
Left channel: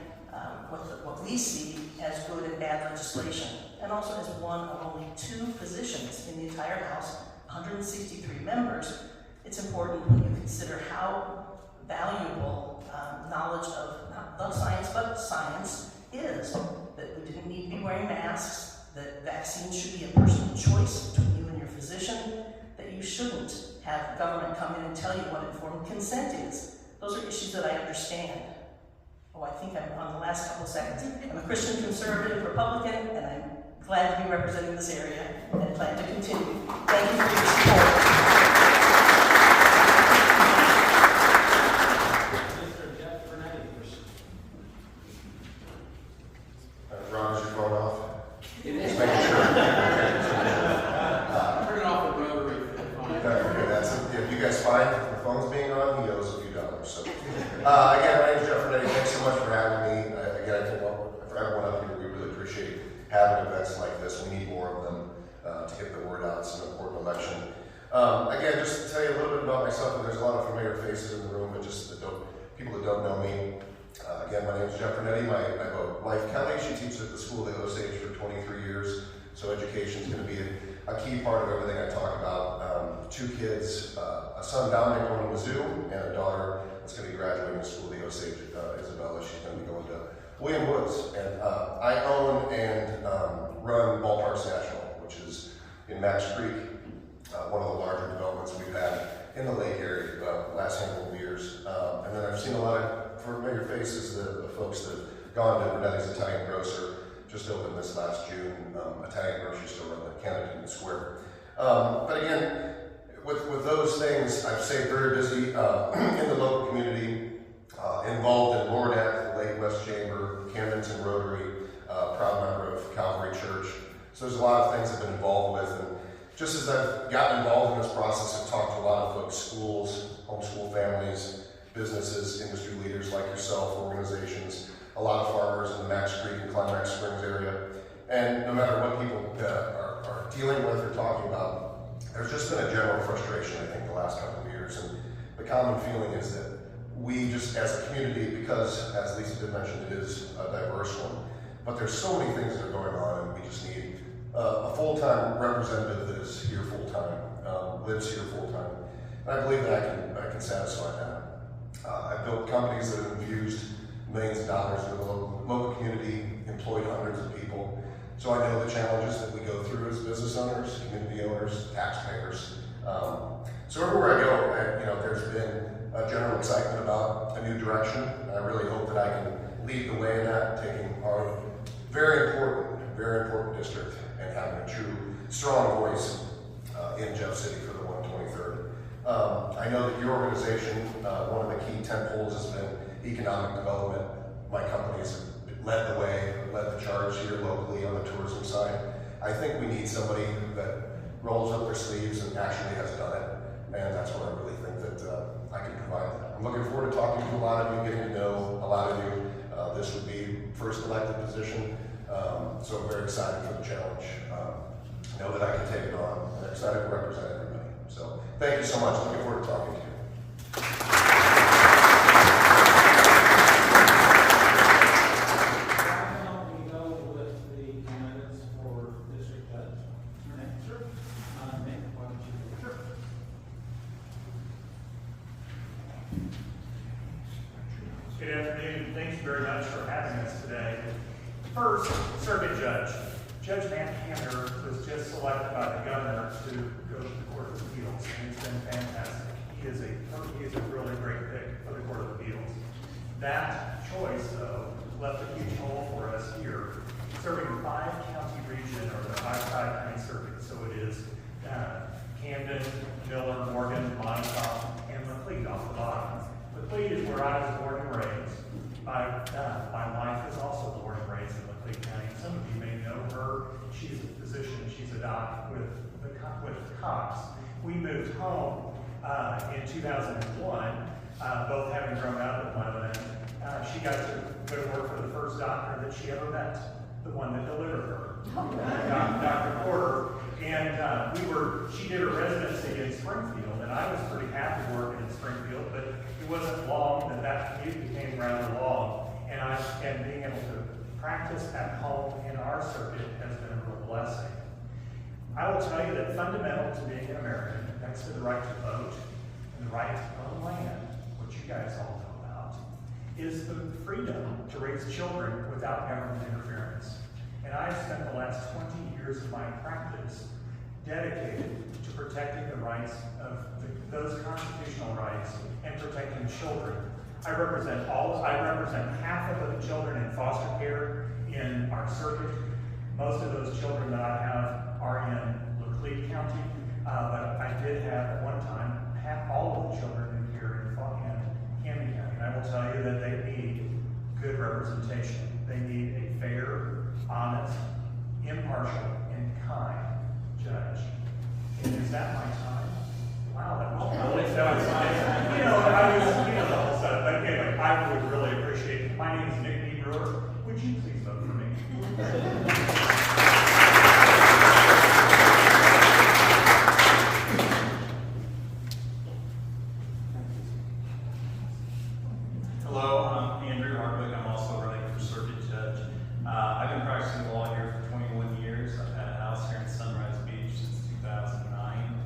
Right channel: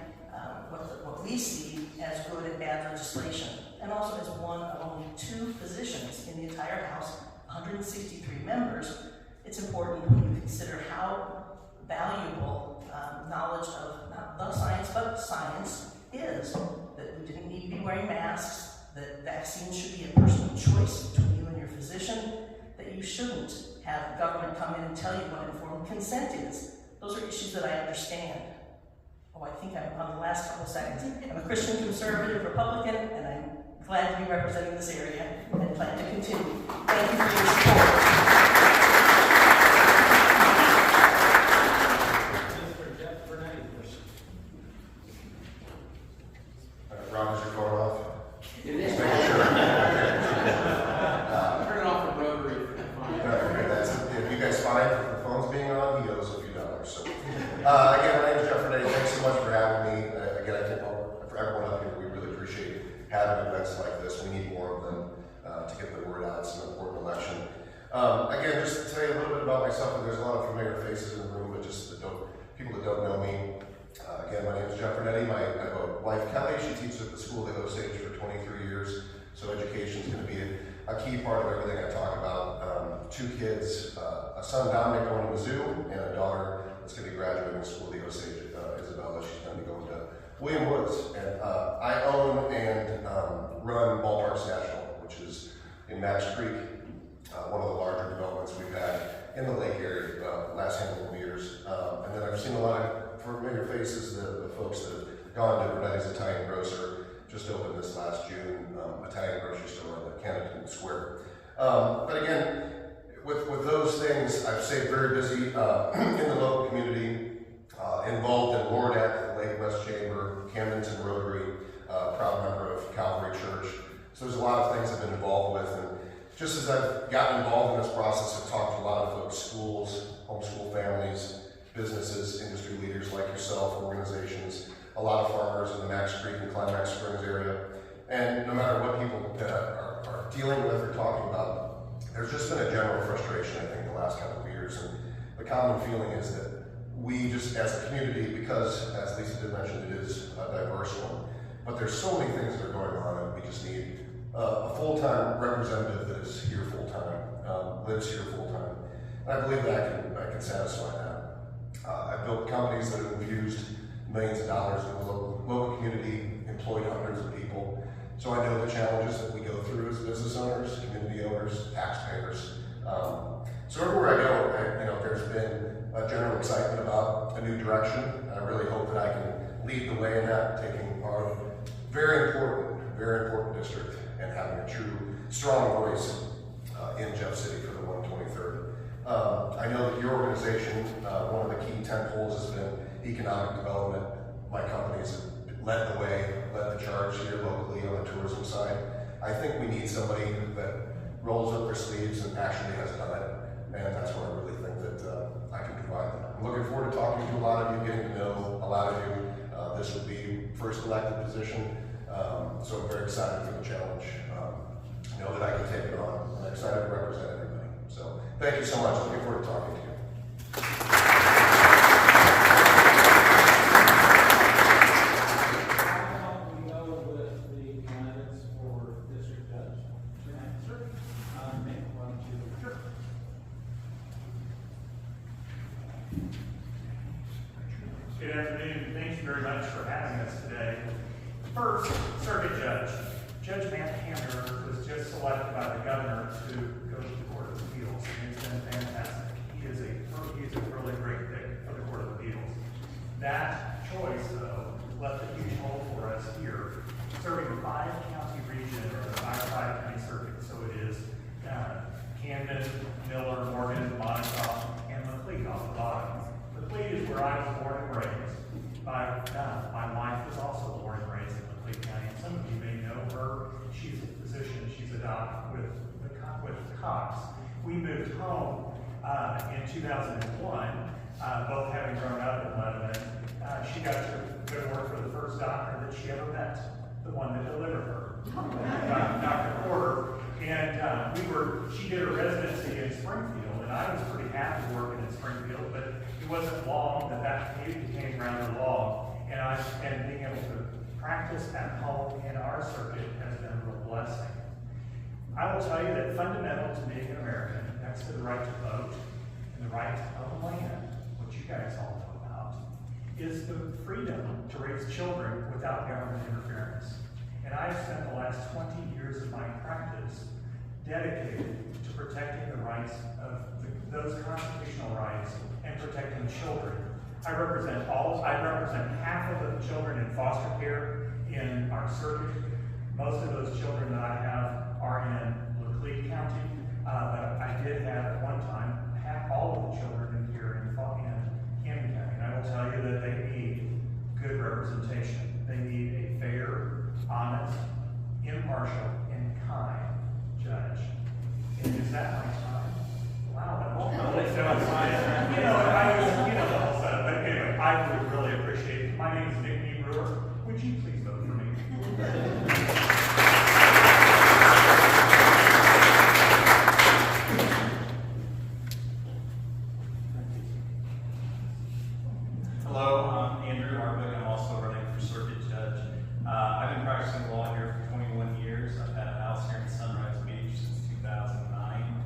what we see as good and bad legislation. And also as one of only 2 positions in the entire House, 163 members, it's important when you consider how valuable knowledge of not the science, but science is. That we didn't need to be wearing masks, that vaccines should be a personal choice between you and your physician, that you shouldn't have government come in and tell you what informed consent is. Those are issues that I understand. Oh, I think I'm on the last couple seconds. I'm a Christian conservative Republican, and I'm glad to be representing this area and plan to continue. Thank you for your support. Robert's your phone off? It is. Just making sure. Turn it off the rotary. Okay, that's it. If you guys find the phone's being on, he owes a few dollars. So, again, my name is Jeff Renee. Thanks so much for having me. Again, I think for everyone up here, we really appreciate having events like this. We need more of them to get the word out. It's an important election. Again, just to tell you a little bit about myself, and there's a lot of familiar faces in the room, but just people that don't know me. Again, my name is Jeff Renetti. I have a wife, Kelly. She teaches at the school at Osage for 23 years. So education is going to be a key part of everything I talk about. 2 kids, a son, Dominic, going to Mizzou, and a daughter that's going to be graduating school at Osage, Isabella. She's going to be going to William Woods. And I own and run Ballparks National, which is in Max Creek, one of the larger developments we've had in the lake area the last handful of years. And then I've seen a lot of familiar faces, the folks that have gone to Betty's Italian Grocer, just opened this last June, Italian grocery store on the Camden Square. But again, with those things, I've stayed very busy in the local community, involved in LORDAC, the Lake West Chamber, Camdenton Rotary, proud member of Calvary Church. So there's a lot of things I've been involved with. And just as I've gotten involved in this process, I've talked to a lot of folks, schools, homeschool families, businesses, industry leaders like yourself, organizations, a lot of farmers in the Max Creek and Climax Springs area. And no matter what people are dealing with or talking about, there's just been a general frustration, I think, the last couple of years. And the common feeling is that we just, as a community, because, as Lisa did mention, it is a diverse one, but there's so many things that are going on, and we just need a full-time representative that is here full-time, lives here full-time. And I believe that I can satisfy that. I've built companies that have infused millions of dollars in the local community, employed hundreds of people. So I know the challenges that we go through as business owners, community owners, taxpayers. So everywhere I go, there's been a general excitement about a new direction. I really hope that I can lead the way in that, taking our very important district and having a true, strong voice in Jeff City for the 123rd. I know that your organization, one of the key tentpoles has been economic development. My companies led the way, led the charge here locally on the tourism side. I think we need somebody that rolls up their sleeves and actually has done it. And that's where I really think that I can provide that. I'm looking forward to talking to a lot of you, getting to know a lot of you. This would be first elected position. So I'm very excited for the challenge. Know that I can take it on. I'm excited to represent everybody. So thank you so much. Looking forward to talking to you. Good afternoon. Thank you very much for having us today. First, circuit judge. Judge Matt Hanner was just selected by the governor to go to the Court of Appeals. He's been fantastic. He is a really great pick for the Court of Appeals. That choice, though, left a huge hole for us here, serving a 5-county region, or the 5-county circuit. So it is Camden, Miller, Morgan, Montauk, and McLeod off the bottom. McLeod is where I was born and raised. My wife was also born and raised in McLeod County. Some of you may know her. Cox. We moved home in 2001, both having grown up in Lebanon. She got to go to work for the first doctor that she ever met, the one that delivered her, Dr. Porter. And she did her residency in Springfield, and I was pretty happy working in Springfield, but it wasn't long that commute became rather long. And being able to practice at home in our circuit has been a real blessing. I will tell you that fundamental to being an American, next to the right to vote and the right to own land, which you guys all know about, is the freedom to raise children without government interference. And I've spent the last 20 years of my practice dedicated to protecting the rights of those constitutional rights and protecting children. I represent half of the children in foster care in our circuit. Most of those children that I have are in Laclede County, but I did have at one time all of the children here in Camden County. And I will tell you that they need good representation. They need a fair, honest, impartial, and kind judge. And is that my time? Wow, that's fine. But anyway, I would really appreciate it. My name is Nick Brewer. Would you please vote for me? Hello, I'm Andrew Harvick. I'm also running for circuit judge. I've been practicing law here for 21 years. I've had a house here in Sunrise Beach since 2009.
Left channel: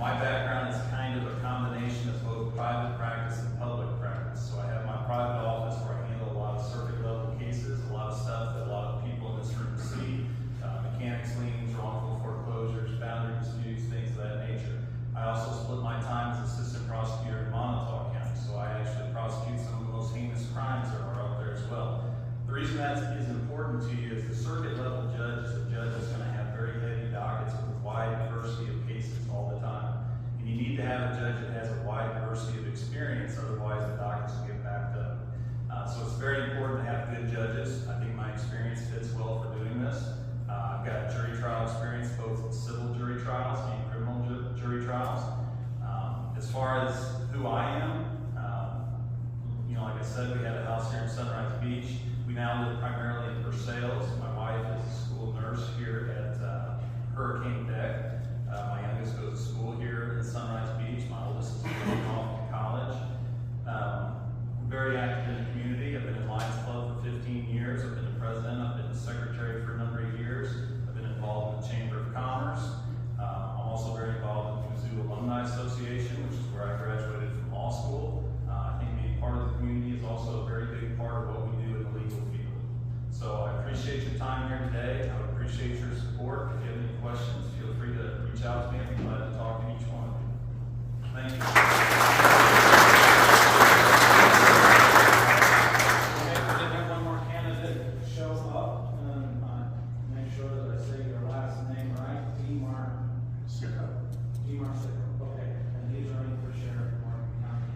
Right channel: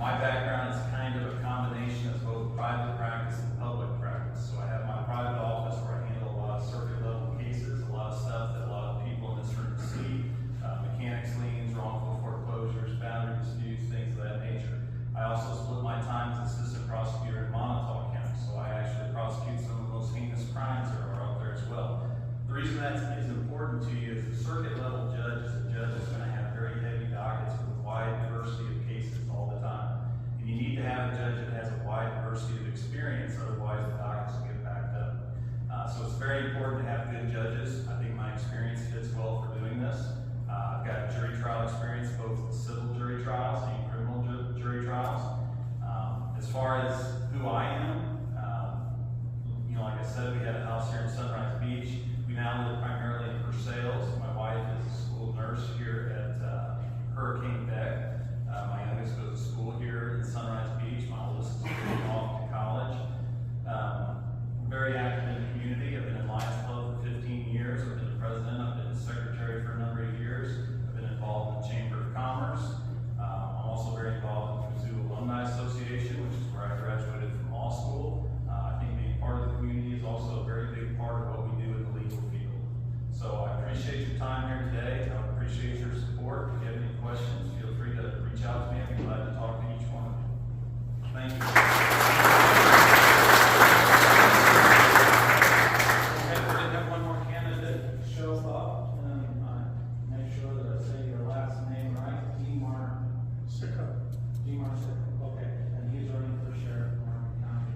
My background is kind of a combination of both private practice and public practice. So I have my private office where I handle a lot of circuit level cases, a lot of stuff that a lot of people in this room see, mechanics liens, wrongful foreclosures, boundary disputes, things of that nature. I also split my time as assistant prosecutor in Montauk County, so I actually prosecute some of the most heinous crimes that are out there as well. The reason that is important to you is the circuit level judge is a judge that's going to have very heavy dockets with wide diversity of cases all the time. And you need to have a judge that has a wide diversity of experience, otherwise the dockets will get backed up. So it's very important to have good judges. I think my experience fits well for doing this. I've got jury trial experience, both civil jury trials and criminal jury trials. As far as who I am, like I said, we had a house here in Sunrise Beach. We now live primarily in Versailles. My wife is a school nurse here at Hurricane Deck. My youngest goes to school here in Sunrise Beach. My oldest is going off to college. Very active in the community. I've been in Lions Club for 15 years. I've been the president. I've been the secretary for a number of years. I've been involved in the Chamber of Commerce. I'm also very involved in the Mizzou Alumni Association, which is where I graduated from law school. I think being part of the community is also a very big part of what we do in the legal field. So I appreciate your time here today. I would appreciate your support. If you have any questions, feel free to reach out to me. I'd be glad to talk to each one of you. Thank you. One more candidate shows up, and I make sure that I say your last name right. Demar Sicko. Okay, and he's running for sheriff in Morgan County.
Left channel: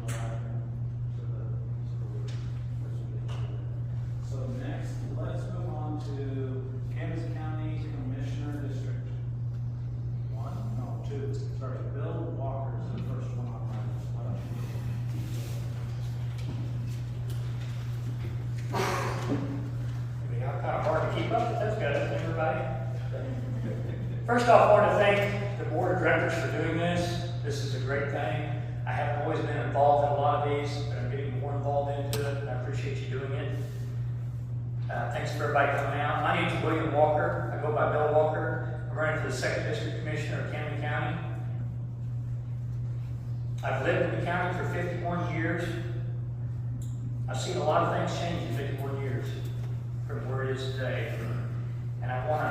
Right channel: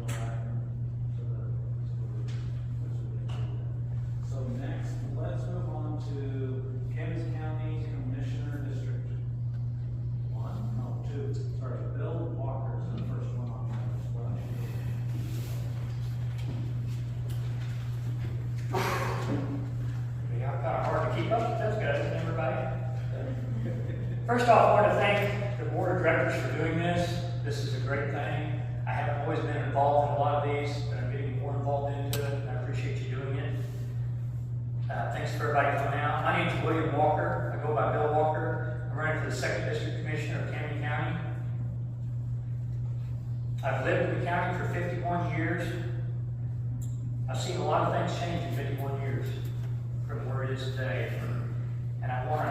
So next, let's move on to Camden County Commissioner District 2. Sorry, Bill Walker is the first one on my list. Kind of hard to keep up. That's good, everybody. First off, I want to thank the board of directors for doing this. This is a great thing. I haven't always been involved in a lot of these, but I'm getting more involved into it, and I appreciate you doing it. Thanks for everybody coming out. My name is William Walker. I go by Bill Walker. I'm running for the 2nd District Commissioner of Camden County. I've lived in the county for 51 years. I've seen a lot of things change in 51 years from where it is today. And I want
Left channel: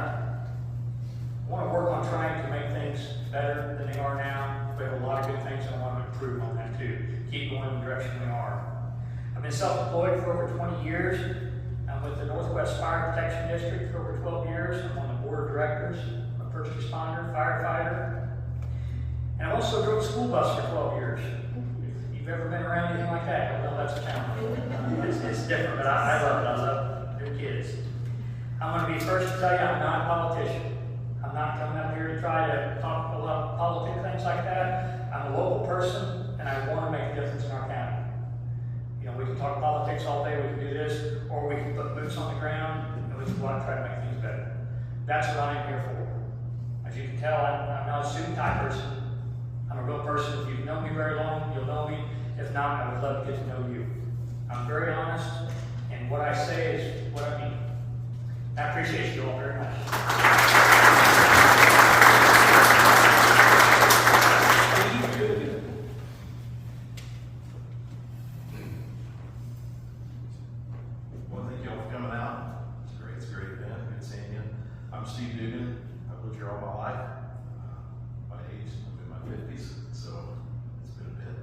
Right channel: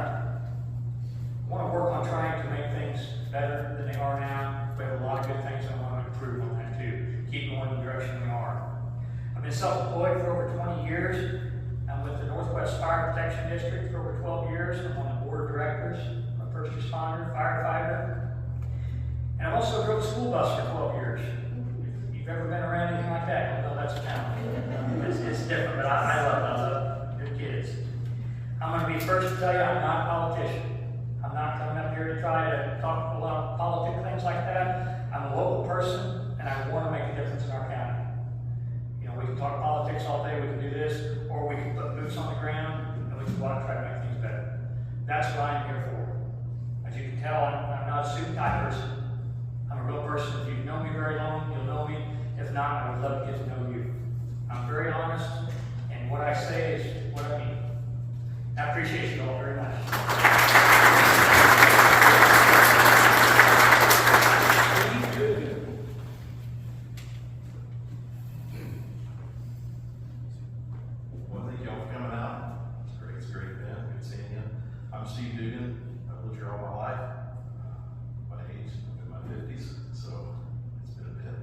to work on trying to make things better than they are now. We have a lot of good things I want to improve on that too. Keep going in the direction we are. I've been self-employed for over 20 years. I'm with the Northwest Fire Protection District for over 12 years. I'm on the board of directors. I'm a first responder, firefighter. And I also drove a school bus for 12 years. If you've ever been around anything like that, you'll know that's a challenge. It's different, but I love it. I love good kids. I'm going to be first to tell you I'm not a politician. I'm not coming up here here to try to talk about politics, things like that. I'm a local person, and I want to make a difference in our county. You know, we can talk politics all day, we can do this, or we can put boots on the ground, and we can go out and try to make things better. That's what I am here for. As you can tell, I'm not a suit and tie person. I'm a real person. If you've known me very long, you'll know me. If not, I would love to get to know you. I'm very honest, and what I say is what I mean. I appreciate you all very much. Well, thank you all for coming out. It's a great event. Good seeing you. I'm Steve Dugan. I've lived here all my life. By age, I'm in my 50s, so it's been a bit.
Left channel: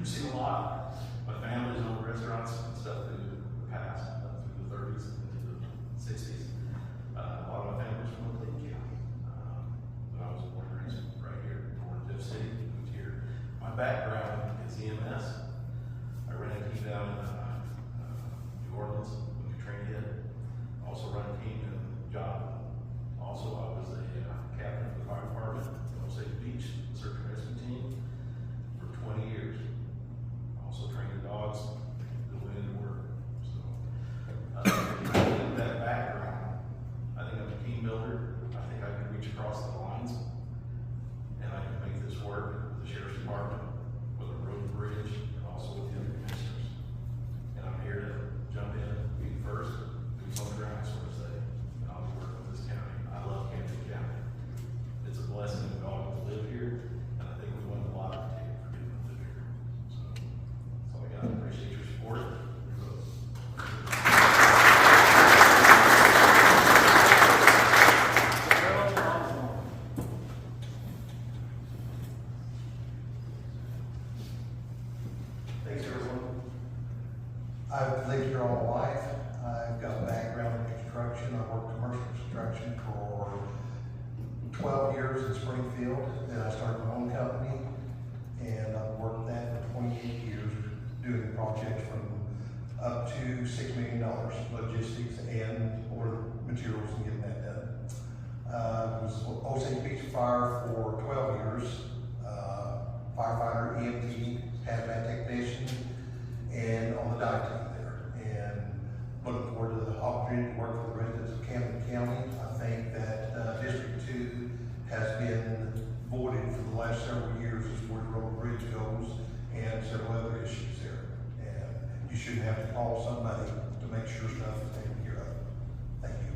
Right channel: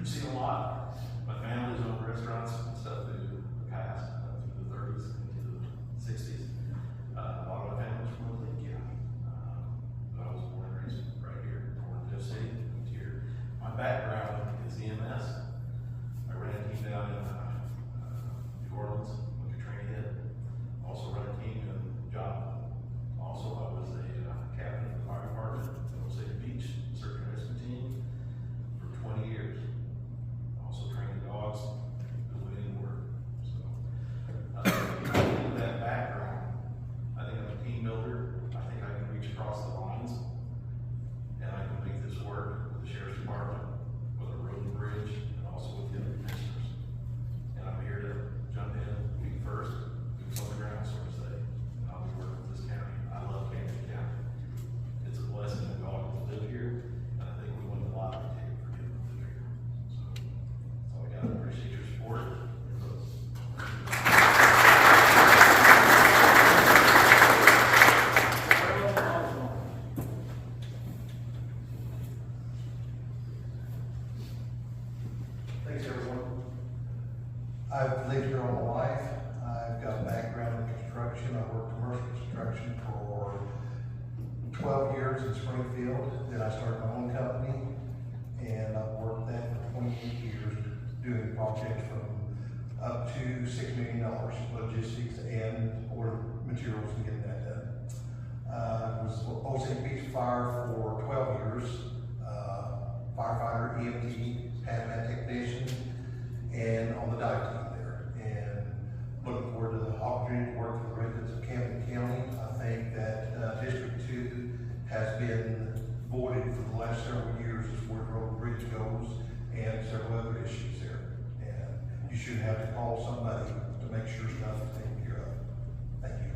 I've seen a lot. My family's owned restaurants and stuff through the past, through the 30s into the 60s. A lot of my family's from Lake County. But I was born and raised right here, born in Jeff City, moved here. My background is EMS. I ran a team down in New Orleans when we trained it. Also ran a team in Joplin. Also, I was a captain for the fire department in Osage Beach, search and rescue team for 20 years. Also trained dogs, went into work. So, with that background, I think I'm a team builder. I think I can reach across the lines, and I can make this work with the sheriff's department, with a road and bridge, and also with the other commissioners. And I'm here to jump in, lead first, boots on the ground, so to say. And I'll be working with this county. I love Camden County. It's a blessing that we all get to live here, and I think we won a lot of take for getting to live here. So that's all I got. I appreciate your support. Your votes. Thanks, everyone. I've lived here all my life. I've got a background in construction. I worked commercial construction for 12 years in Springfield. Then I started my own company, and I've worked that for 28 years, doing projects from up to $6 million, logistics and order materials and getting that done. I was Osage Beach Fire for 12 years, firefighter, EMT, hazmat technician, and on the dive team there. And looking forward to the opportunity to work for the residents of Camden County. I think that District 2 has been voided for the last several years as far as the road bridge goes and several other issues there. And you shouldn't have to call somebody to make sure stuff is taken care of. Thank you.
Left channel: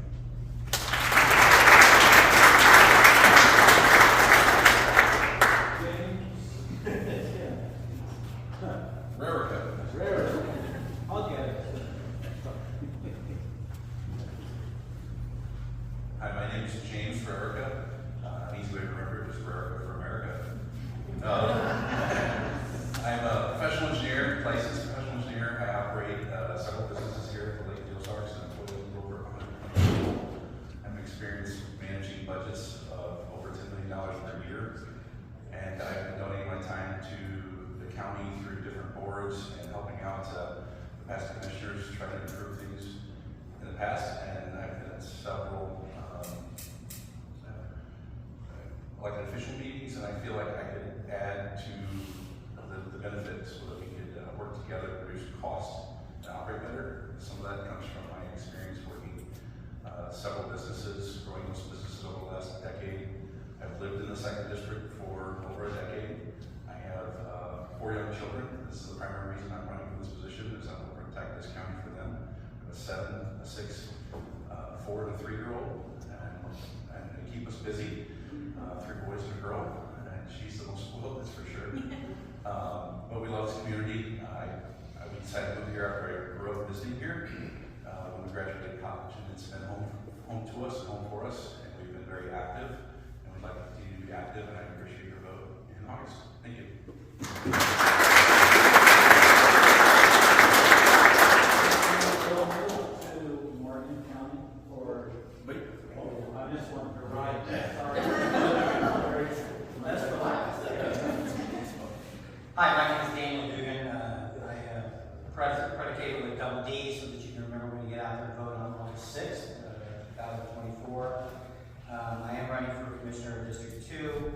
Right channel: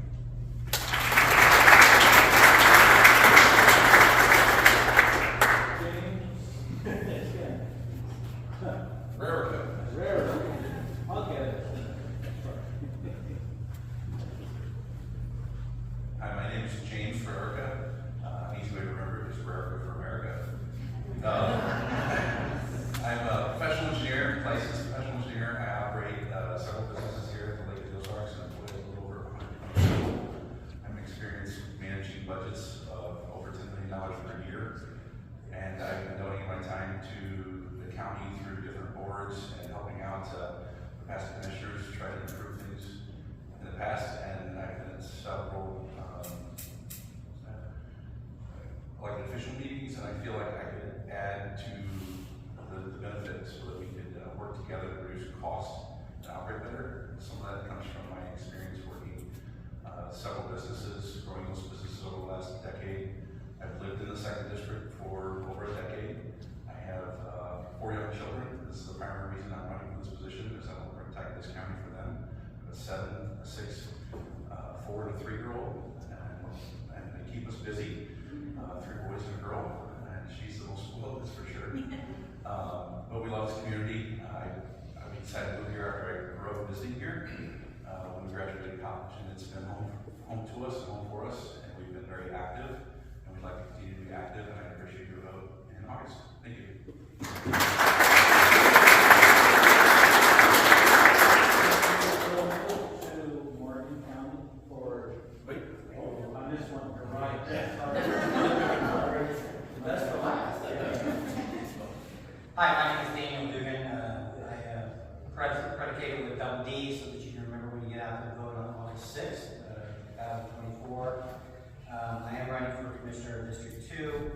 Hi, my name is James Frerica. An easy way to remember it is Frerica for America. I'm a professional engineer, licensed professional engineer. I operate several businesses here at the Lake Ozarks and employ a little over 120 people. I'm experienced managing budgets of over $10 million per year. And I've been donating my time to the county through different boards and helping out the past commissioners try to improve things in the past. And I've been at several elected official meetings, and I feel like I could add to the benefits so that we could work together to reduce costs and operate better. Some of that comes from my experience working several businesses, growing those businesses over the last decade. I've lived in the second district for over a decade. I have 4 young children. This is the primary reason I'm running for this position, is I want to protect this county for them. I have a 7, a 6, 4, and a 3-year-old, and they keep us busy. 3 boys and a girl, and she's the most spoiled, that's for sure. But we love this community. I decided to move here after I grew up visiting here. When we graduated college, and it's been home to us, home for us, and we've been very active, and we'd like to continue to be active, and I appreciate your vote in August. Thank you. To Morgan County for. Wait. Oh, I just wanted to write that. That's the last. Hi, my name is Daniel Dugan. I predicated with double D so that you can remember when you get out there and vote on August 6th, 2024. I am running for Commissioner of District 2.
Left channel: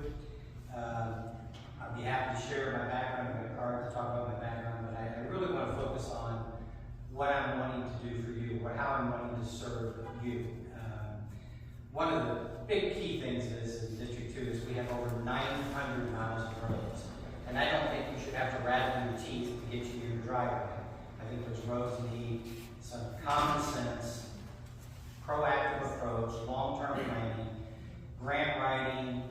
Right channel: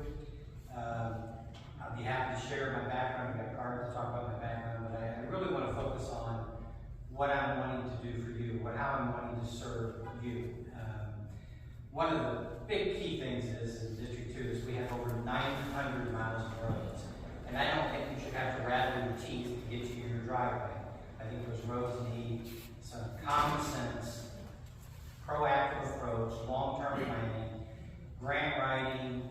I'd be happy to share my background. I've got a card to talk about my background, but I really want to focus on what I'm wanting to do for you, how I'm wanting to serve you. One of the big key things is in District 2 is we have over 900 miles of roads. And I don't think you should have to rattle your teeth to get to your driveway. I think those roads need some common sense, proactive approach, long-term planning, grant writing,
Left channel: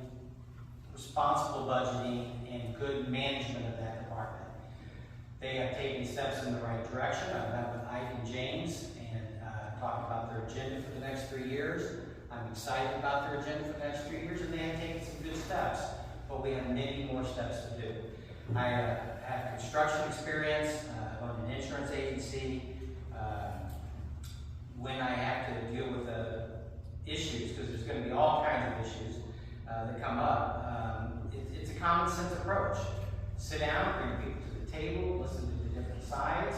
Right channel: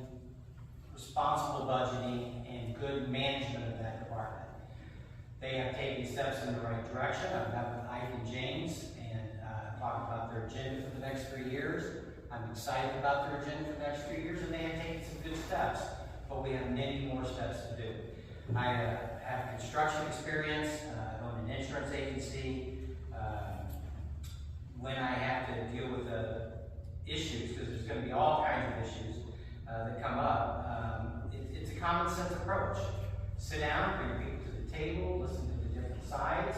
responsible budgeting, and good management of that department. They have taken steps in the right direction. I've met with Ike and James and talked about their agenda for the next 3 years. I'm excited about their agenda for the next 3 years, and they have taken some good steps, but we have many more steps to do. I have construction experience. I own an insurance agency. When I have to deal with issues, because there's going to be all kinds of issues that come up, it's a common sense approach. Sit down, bring people to the table, listen to the different sides.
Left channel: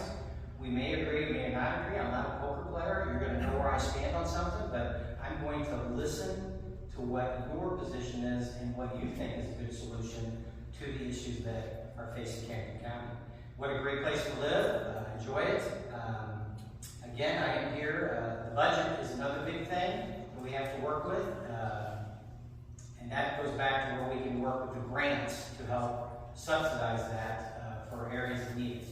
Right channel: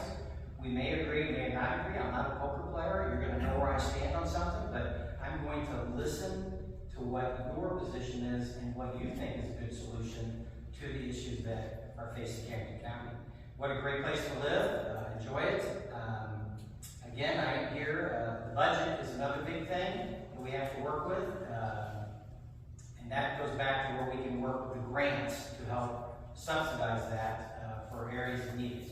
We may agree, may not agree. I'm not a poker player. You're going to know where I stand on something, but I'm going to listen to what your position is and what you think is a good solution to the issues that are facing Camden County. What a great place to live. Enjoy it. Again, I am here. The budget is another big thing that we have to work with. And that goes back to where we can work with the grants to help subsidize that for areas that need it.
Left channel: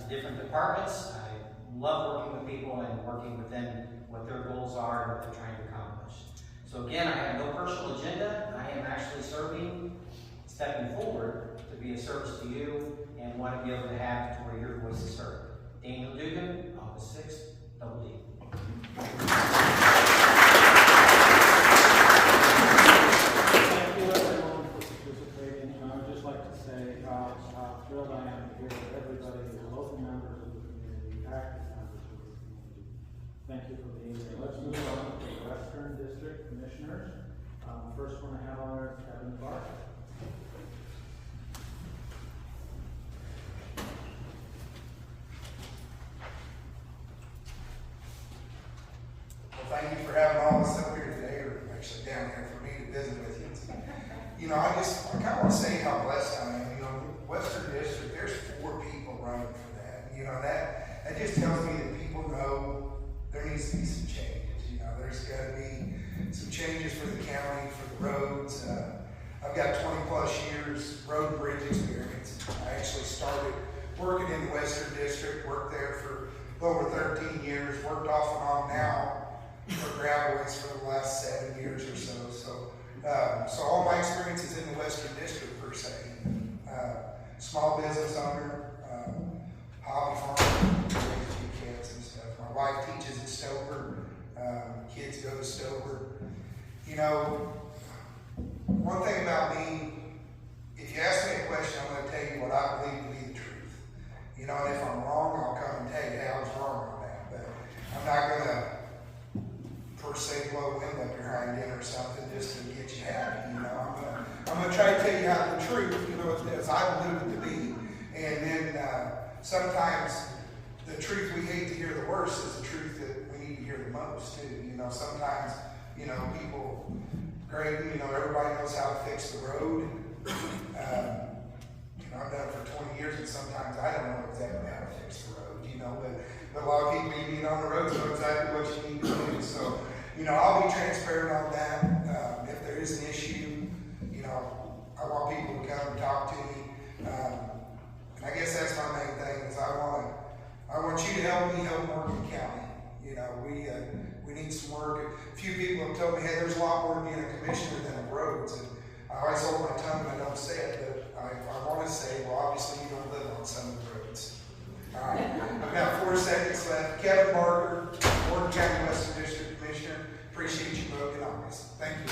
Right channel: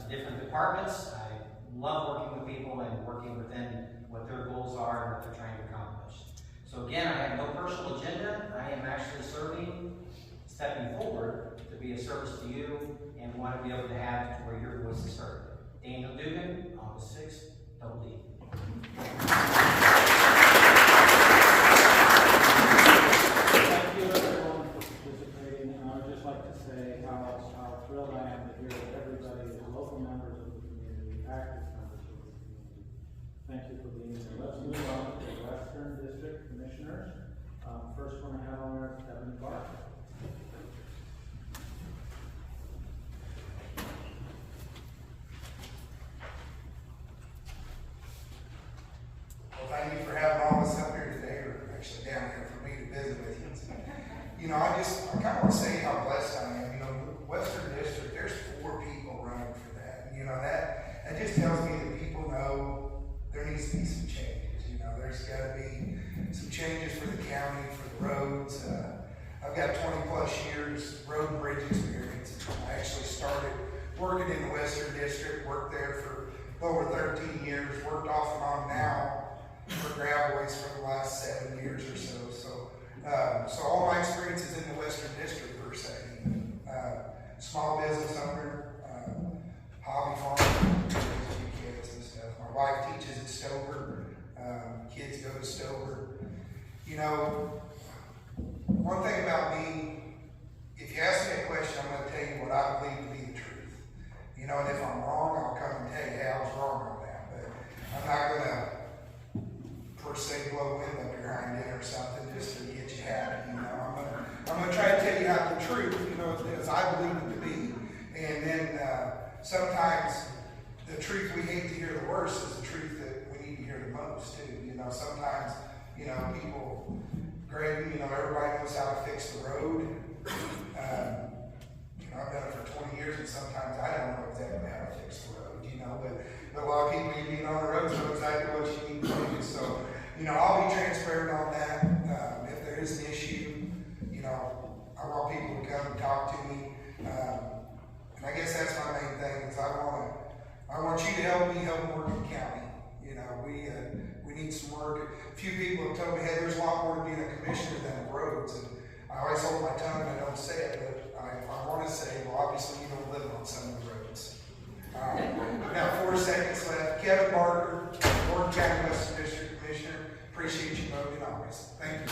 The different departments, I love working with people and working within what their goals are and what they're trying to accomplish. So again, I have no personal agenda. I am actually stepping forward to be a service to you and want to be able to have to where your voice is heard. Daniel Dugan, August 6th, Double D. Thank you everyone for participating. I would just like to say how thrilled I am to hear that everybody is local members of the community, active members of the community. Thank you for being here. Let's move on to the Western District Commissioners. First one I have on there is Kevin Clark. Well, thank you for having all of us up here today, or actually down here for me to visit with you. You know, I kind of want to say how blessed I am. You know, Western District, there's 4 people running for that. You know, that just tells me that people know there needs to be some changes. You know, there's got to be some changes for the county, for the roads. I've got 20 plus years road and bridge experience. I actually started working in the Western District, worked there for over 13 years, worked off and on now for Gravelways for the last 7 years or so. So all my experience is in the Western District per se. Small business owner, hobby farmer, raise a few kids and stuff. My wife teaches at Stover. Kids go to Stover. You know, one thing about me, if you ask me a question, I'm going to tell you what I believe to be the truth. You know, and if I'm wrong, I'll come and tell you, hey, I was wrong on that. But I'm not going to per se blow wind up your hind end or something just to get you happy. You know, I'm going to try to tell you how the truth, you know, as I believe it to be. And then sometimes the truth we hate to hear the worst is the truth that we need to hear the most too. You know, sometimes, you know, people, Greg, you know, everybody knows how to fix the road. You know, I've done it for 20 years and sometimes I don't know exactly how to fix the road, you know, but a lot of people you meet on the road know exactly what you need to do. So, you know, I'll be transparent on that. If there is an issue, you know, I want people to come and talk to me. And I guess that's my main thing is I want you to help me help Morgan County. You know, we need some work. A few people have told me, hey, there's a lot more to being a commissioner than roads. And I always hold my tongue and I don't say it, but if I want to say, well, obviously you don't live on some of the roads. I've got 4 seconds left. Kevin Barker, Morgan County Western District Commissioner. Appreciate you voting on this. Thank you.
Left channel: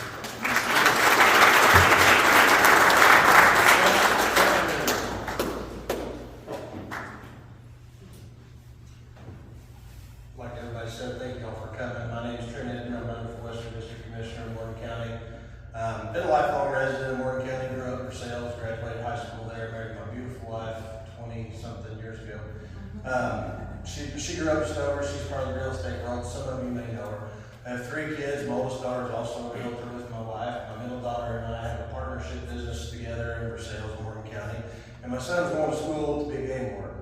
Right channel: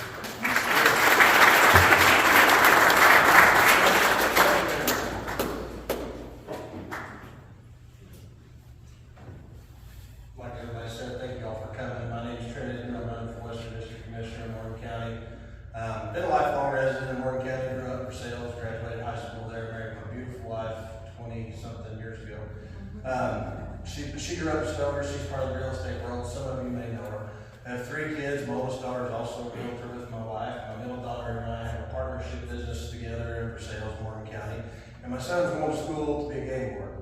Like everybody said, thank you all for coming. My name is Trent Edmund. I'm running for Western District Commissioner in Morgan County. Been a lifelong resident of Morgan County, grew up in Versailles, graduated high school there, married my beautiful wife 20-something years ago. She grew up in Stover. She's part of the real estate world. Some of you may know her. I have 3 kids. My oldest daughter is also a realtor with my wife. My middle daughter and I have a partnership business together under sales in Morgan County. And my son's going to school to be a game warden.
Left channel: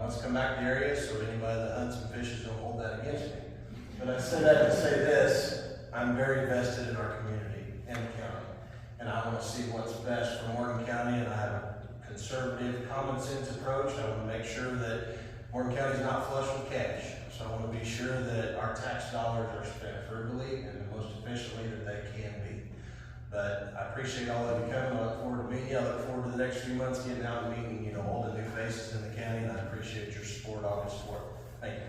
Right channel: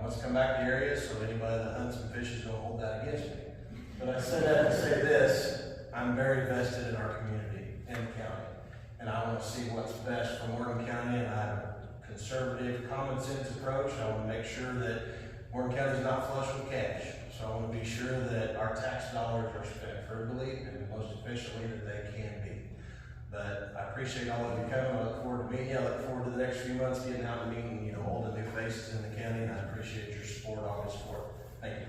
Wants to come back to the area, so anybody that hunts and fishes don't hold that against me. But I said that to say this: I'm very invested in our community and the county, and I want to see what's best for Morgan County. And I have a conservative, common sense approach. I want to make sure that Morgan County is not flush with cash. So I want to be sure that our tax dollars are spent frugally and the most efficiently that they can be. But I appreciate all of you coming. I look forward to meeting you. I look forward to the next few months getting out and meeting, all the new faces in the county, and I appreciate your support, all your support. Thank you.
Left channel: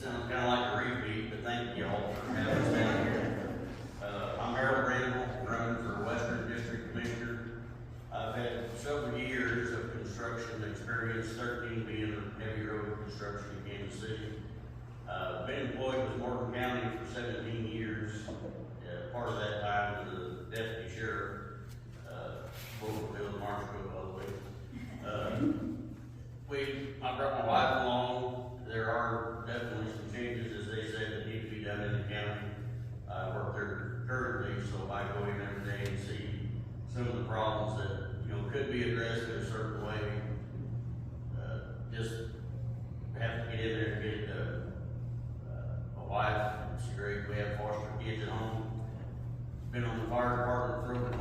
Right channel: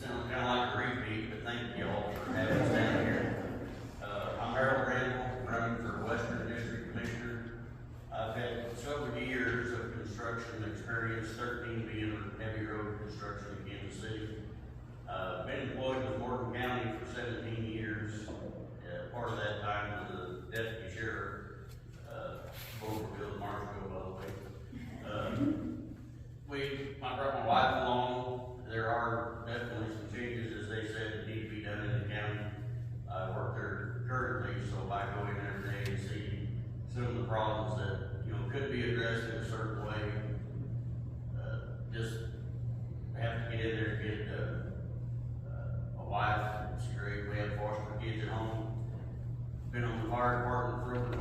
Sounds kind of like a repeat, but thank you all for having us down here. I'm Harold Randall, running for Western District Commissioner. I've had several years of construction experience, 13 being in heavy road construction in Kansas City. Been employed with Morgan County for 17 years. Part of that time as a deputy sheriff, Boulderville, Marshville, all the way. I brought my wife along. There are definitely some changes, as they said, that need to be done in the county. I work there currently, so I go in every day and see some of the problems that, could be addressed in a certain way. Just have to get in there to get a wife. It's great. We have foster kids at home. Been on the fire department for over